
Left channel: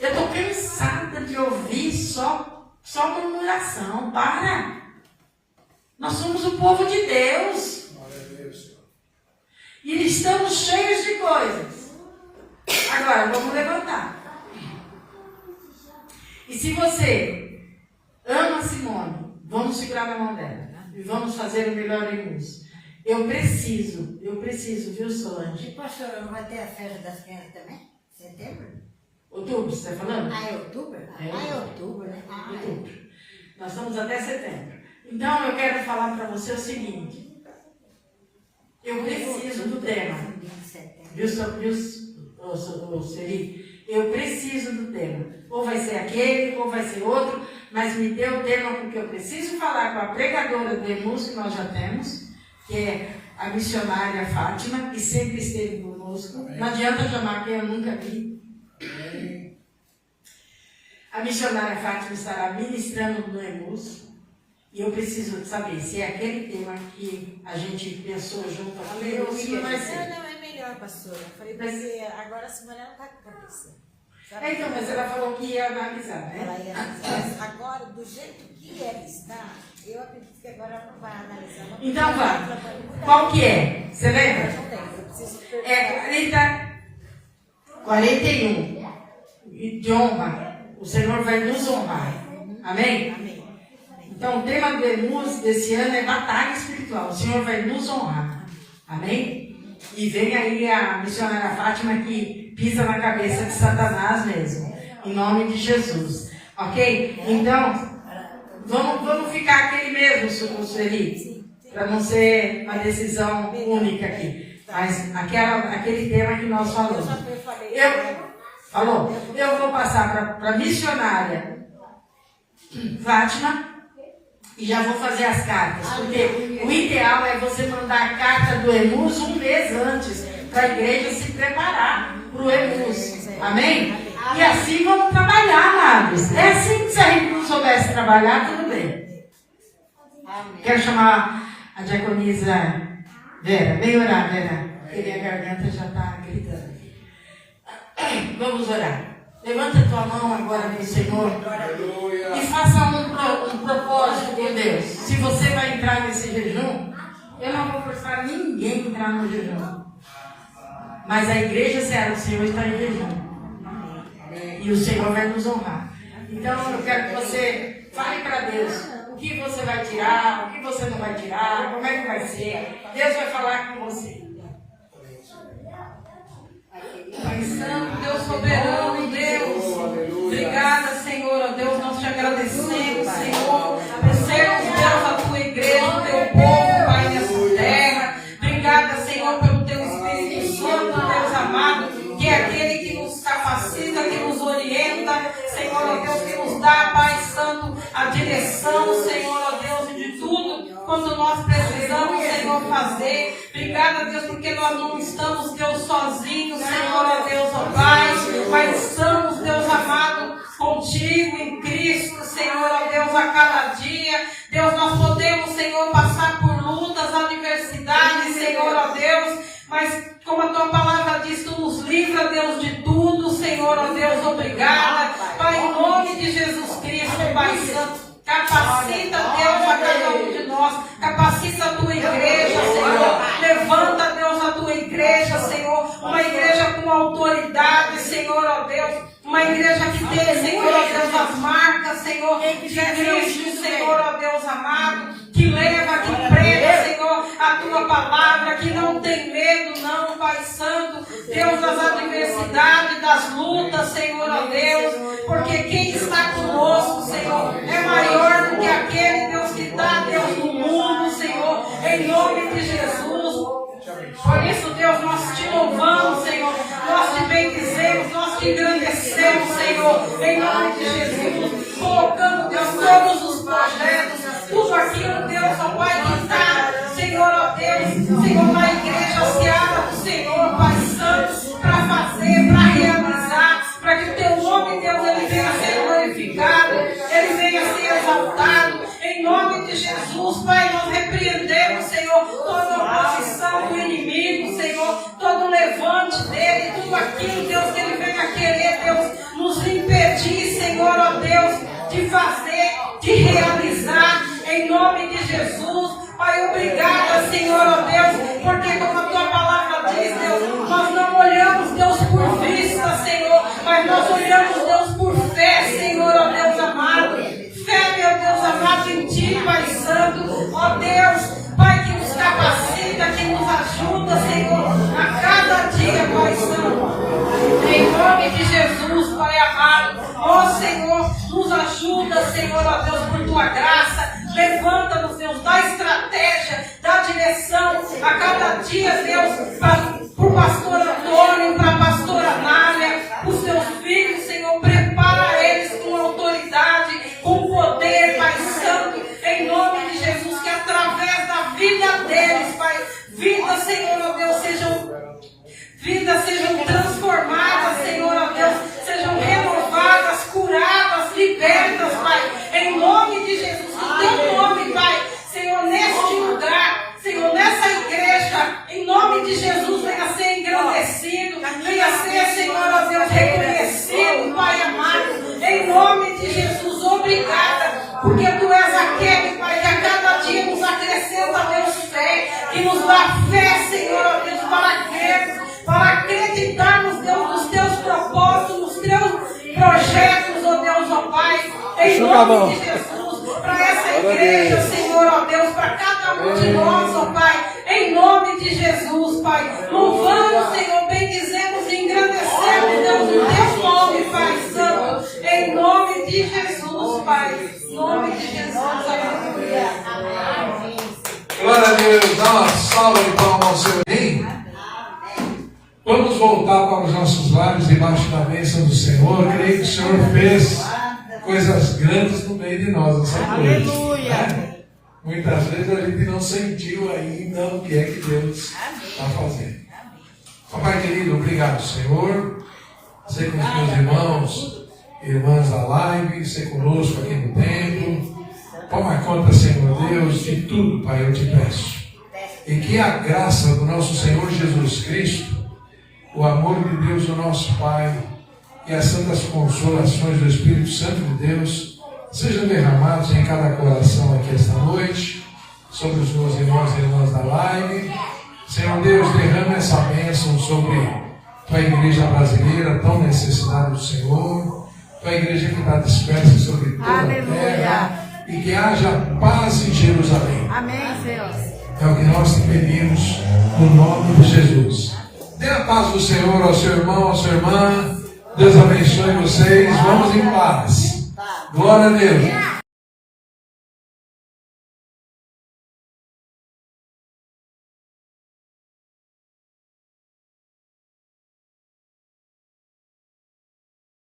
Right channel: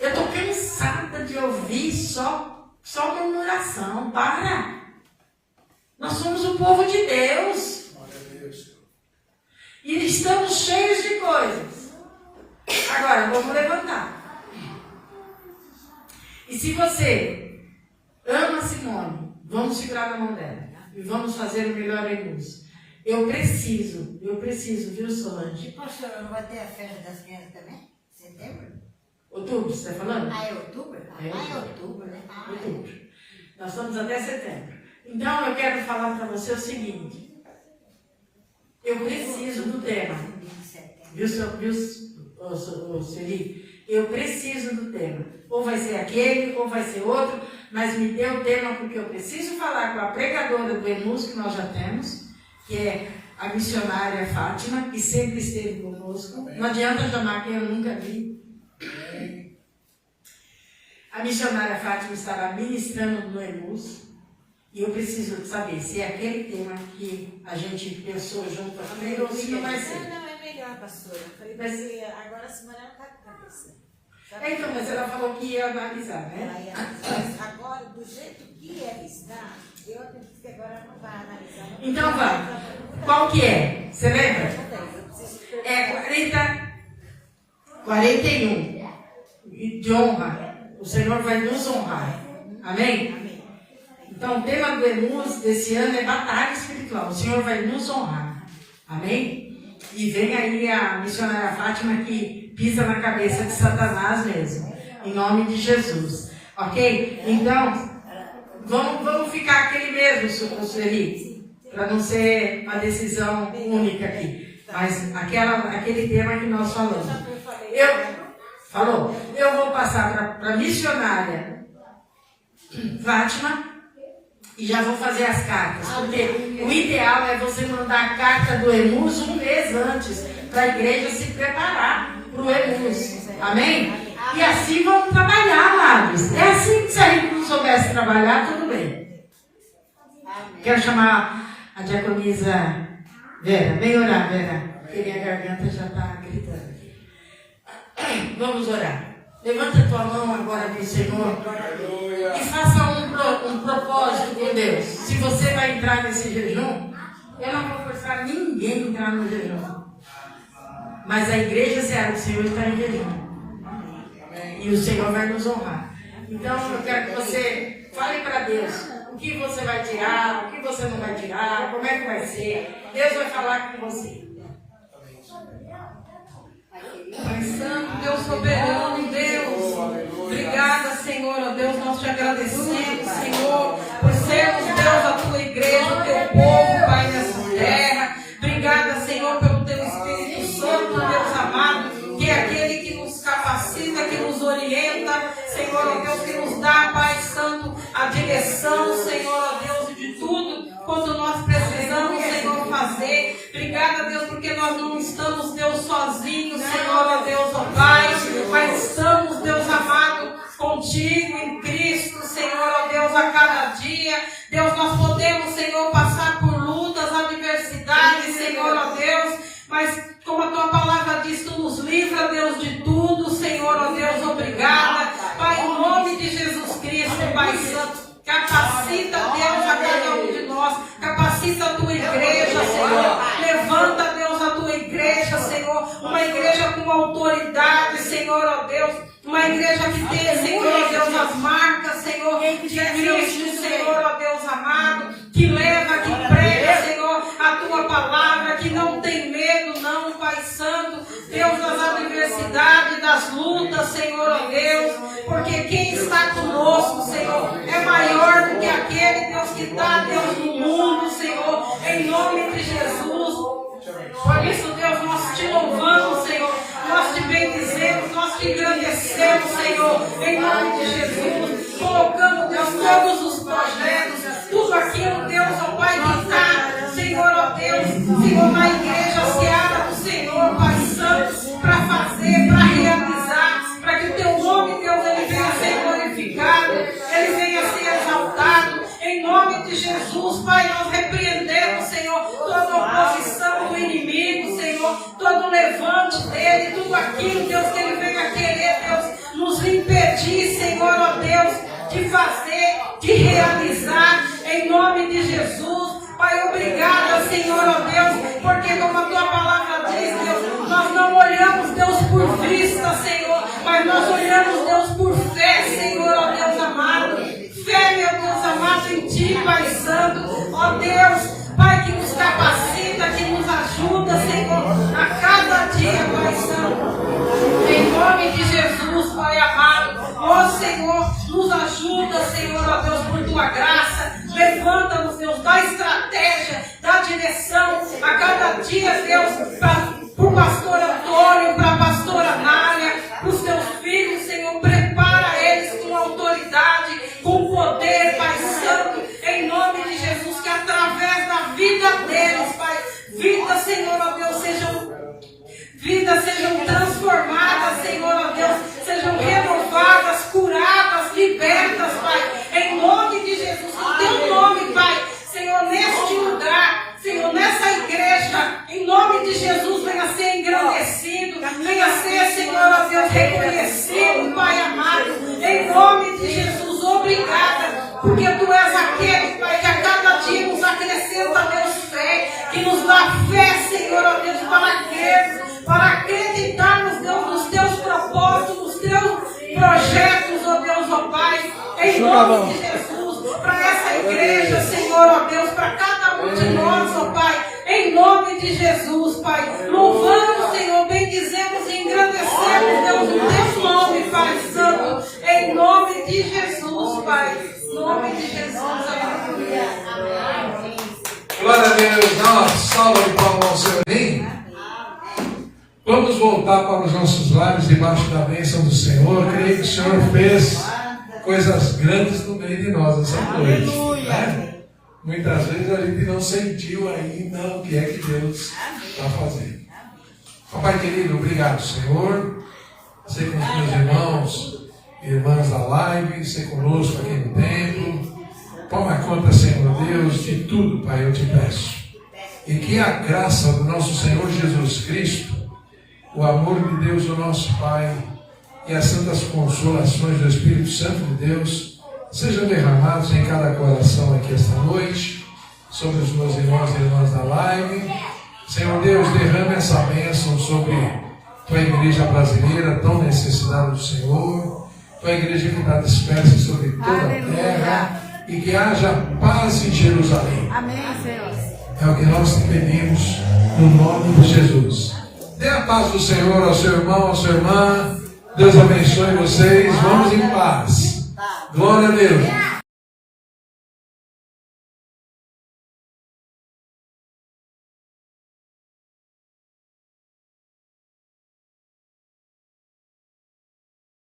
Eu estou cansada de ouvir só murmuração. Para! Nós somos o povo de Deus. E estamos cheios de coisas. Agora, vamos levantar. E se você ama Simone, vamos segurar na mão dela. E vamos fazer o melhor em nós. Eu preciso, viu, Solange? E pastor, não vai ter a festa das crianças também? Setembro? Outubro, você está falando? Ah, é outubro? É outubro, né? Outubro. Nós estamos até setembro. Então, eu quero falar para você o seguinte. Eu preciso do tema. Viu, Seri? Eu preciso do tema. Ou vai ser aquele, ou vai ser outro, mas me dê o tema porque eu preciso falar com a pregadora do EMUS que nós já temos, que é a missionária Fátima, que sempre esteve conosco. Amém. Não adianta chamar quem eu nunca vi. Amém. A missionária Fátima estará ministrando no EMUS. E eu preciso saber se é aquele tema que a gente pensou junto aqui ou se não vai ser. Não, é melhor, pastora. Eu falei, mas agora a semana não está acontecendo. Então, mas ela falou que ia analisar, né? Agora, do jeito que ela está, eu acredito que agora ela não vai analisar. Então, vai. Qual que é? Você lembra? É 41. De honra. O Senhor vai nos honrar. Amém? Então, o tema do EMUS desse ano é batalha espiritual. O Senhor vai nos honrar. Amém? E vem aí a missionária Fátima que pisa na cabeça de Satanás mesmo. Em nome de Jesus. Ok? Então, vamos ficar aquele mesmo, Sueli. Para não ser uma decisão única aqui. Mas aquele tema que nós falamos. Eu vou passar para a missionária Fátima. E já vou fazer as cartas, porque o ideal é você mandar a carta do EMUS um mês antes, para a igreja se preparar para o EMUS. Amém? E assim vamos trabalhar, amados. É assim que se a gente não soubesse trabalhar, tudo bem. Quero chamar a diaconisa Vera. Vem orar, Vera. Porque minha garganta já está gritando aqui. Vamos orar. Levanta a tua mão agora para o Senhor e faça um propósito com Deus. Se você vai entrar nesse jejum, eu não vou forçar ninguém a entrar no jejum. Mas a igreja será do Senhor está em jejum. E o Senhor vai nos honrar. Então eu quero que você fale para Deus o que você vai tirar, o que você não vai tirar, como é que vai ser. Deus vai falar com você. Pai Santo, Deus soberano, Deus, obrigada, Senhor, Deus, nós te agradecemos, Senhor, por sermos, Deus, a tua igreja, o teu povo, Pai, nessa terra. Obrigada, Senhor, pelo teu Espírito Santo, Deus amado, que é aquele que nos capacita, que nos orienta, Senhor, ó Deus, que nos dá, Pai Santo, a direção, Senhor, ó Deus, de tudo quando nós precisamos, Senhor, fazer. Obrigada, Deus, porque nós não estamos, Deus, sozinhos, Senhor, ó Deus, ó Pai, mas estamos, Deus amado, contigo em Cristo, Senhor, ó Deus, a cada dia. Deus, nós podemos, Senhor, passar por lutas, adversidades, Senhor, ó Deus, mas como a tua palavra diz, tu nos livra, Deus, de tudo, Senhor, ó Deus, obrigada. Pai, em nome de Jesus Cristo, Pai Santo, capacita, Deus, a cada um de nós, capacita a tua igreja, Senhor, levanta, Deus, a tua igreja, Senhor, uma igreja com autoridade, Senhor, ó Deus, uma igreja que tem, Senhor, ó Deus, as marcas, Senhor, de Cristo, Senhor, ó Deus amado, que leva, que prega, Senhor, a tua palavra, que não tem medo, não, Pai Santo, Deus, das adversidades, das lutas, Senhor, ó Deus, porque quem está conosco, Senhor, é maior do que aquele, Deus, que está, Deus, no mundo, Senhor, em nome de Jesus. Por isso, Deus, nós te louvamos, Senhor, nós te bendizemos, nós te engrandecemos, Senhor, em nome de Jesus, colocando, Deus, todos os projetos, tudo aquilo, Deus, ó Pai, que está, Senhor, ó Deus, Senhor, na igreja seara do Senhor, Pai Santo, para fazer, para realizar, para que o teu nome, Deus, ele venha a ser glorificado, ele venha a ser exaltado, em nome de Jesus, Pai, nós repreendemos, Senhor, toda oposição do inimigo, Senhor, todo levante dele, tudo aquilo, Deus, que ele venha querer, Deus, nos impedir, Senhor, ó Deus, de fazer, de realizar, em nome de Jesus. Pai, obrigada, Senhor, ó Deus, porque como a tua palavra diz, Deus, nós não olhamos, Deus, por vista, Senhor, mas nós olhamos, Deus, por fé, Senhor, ó Deus amado. Fé, meu Deus amado, em ti, Pai Santo, ó Deus, Pai, que nos capacita, que nos ajuda, Senhor, a cada dia, Pai Santo. Em nome de Jesus, Pai ajuda, Senhor, ó Deus, por tua graça. Levanta-nos, Deus, dá estratégia, dá direção a cada dia, Deus, para o pastor Antônio, para a pastora Nália, para os teus filhos, Senhor, prepara eles com autoridade, com poder, Pai Santo, em nome de Jesus, que através da vida deles, Pai, vidas, Senhor, ó Deus, sejam transformadas, Senhor, ó Deus, sejam renovadas, curadas, libertas, Pai, em nome de Jesus, o teu nome, Pai, Senhor, neste lugar, Senhor, nessa igreja, em nome de Jesus, venha ser engrandecido, venha ser, Senhor, ó Deus, reconhecido, Pai amado, em nome de Jesus, obrigada, porque Tu és aquele, Pai, que a cada dia nos acrescenta, Deus, fé, que nos dá fé, Senhor, ó Deus, para acreditarmos, Deus, nos Teus propósitos, nos Teus projetos, ó Deus, ó Pai, em nome de Jesus, para essa igreja, Senhor, ó Deus, para cada um de nós, ó Pai, em nome de Jesus, Pai, louvamos, Senhor, bendizemos e engrandecemos, Deus, o Teu nome, Pai Santo, em nome de Jesus, Pai, em nome de Jesus, aleluia. Glória a Deus, dá uma salva de palmas ao Senhor. Vamos voltar para os nossos lares debaixo da bênção do Senhor. Creio que o Senhor fez coisas grandes no meio de nós essa noite. Né? Muitas vezes a gente não sentiu ainda o que é que Deus está fazendo. Papai querido, obrigado, Senhor. Ser com os meus irmãos, irmãs da live, ser conosco aqui no templo. Toma conta, Senhor Deus, de tudo, Pai, eu te peço. E que a graça do nosso Senhor Jesus Cristo, o amor de Deus, o nosso Pai, e as santas consolações do Espírito Santo de Deus sejam derramados em cada coração aqui esta noite, sobre os meus irmãos e irmãs da live. Senhor Deus, derrame essa bênção sobre tua igreja brasileira, tão necessitada do Senhor, tua igreja que está dispersa sobre toda a terra, e que haja paz em Jerusalém. Amém, Senhor. É o que nós pedimos no nome de Jesus. Dê a paz do Senhor ao seu irmão, à sua irmã. Deus abençoe vocês. Vamos em paz. Glória a Deus.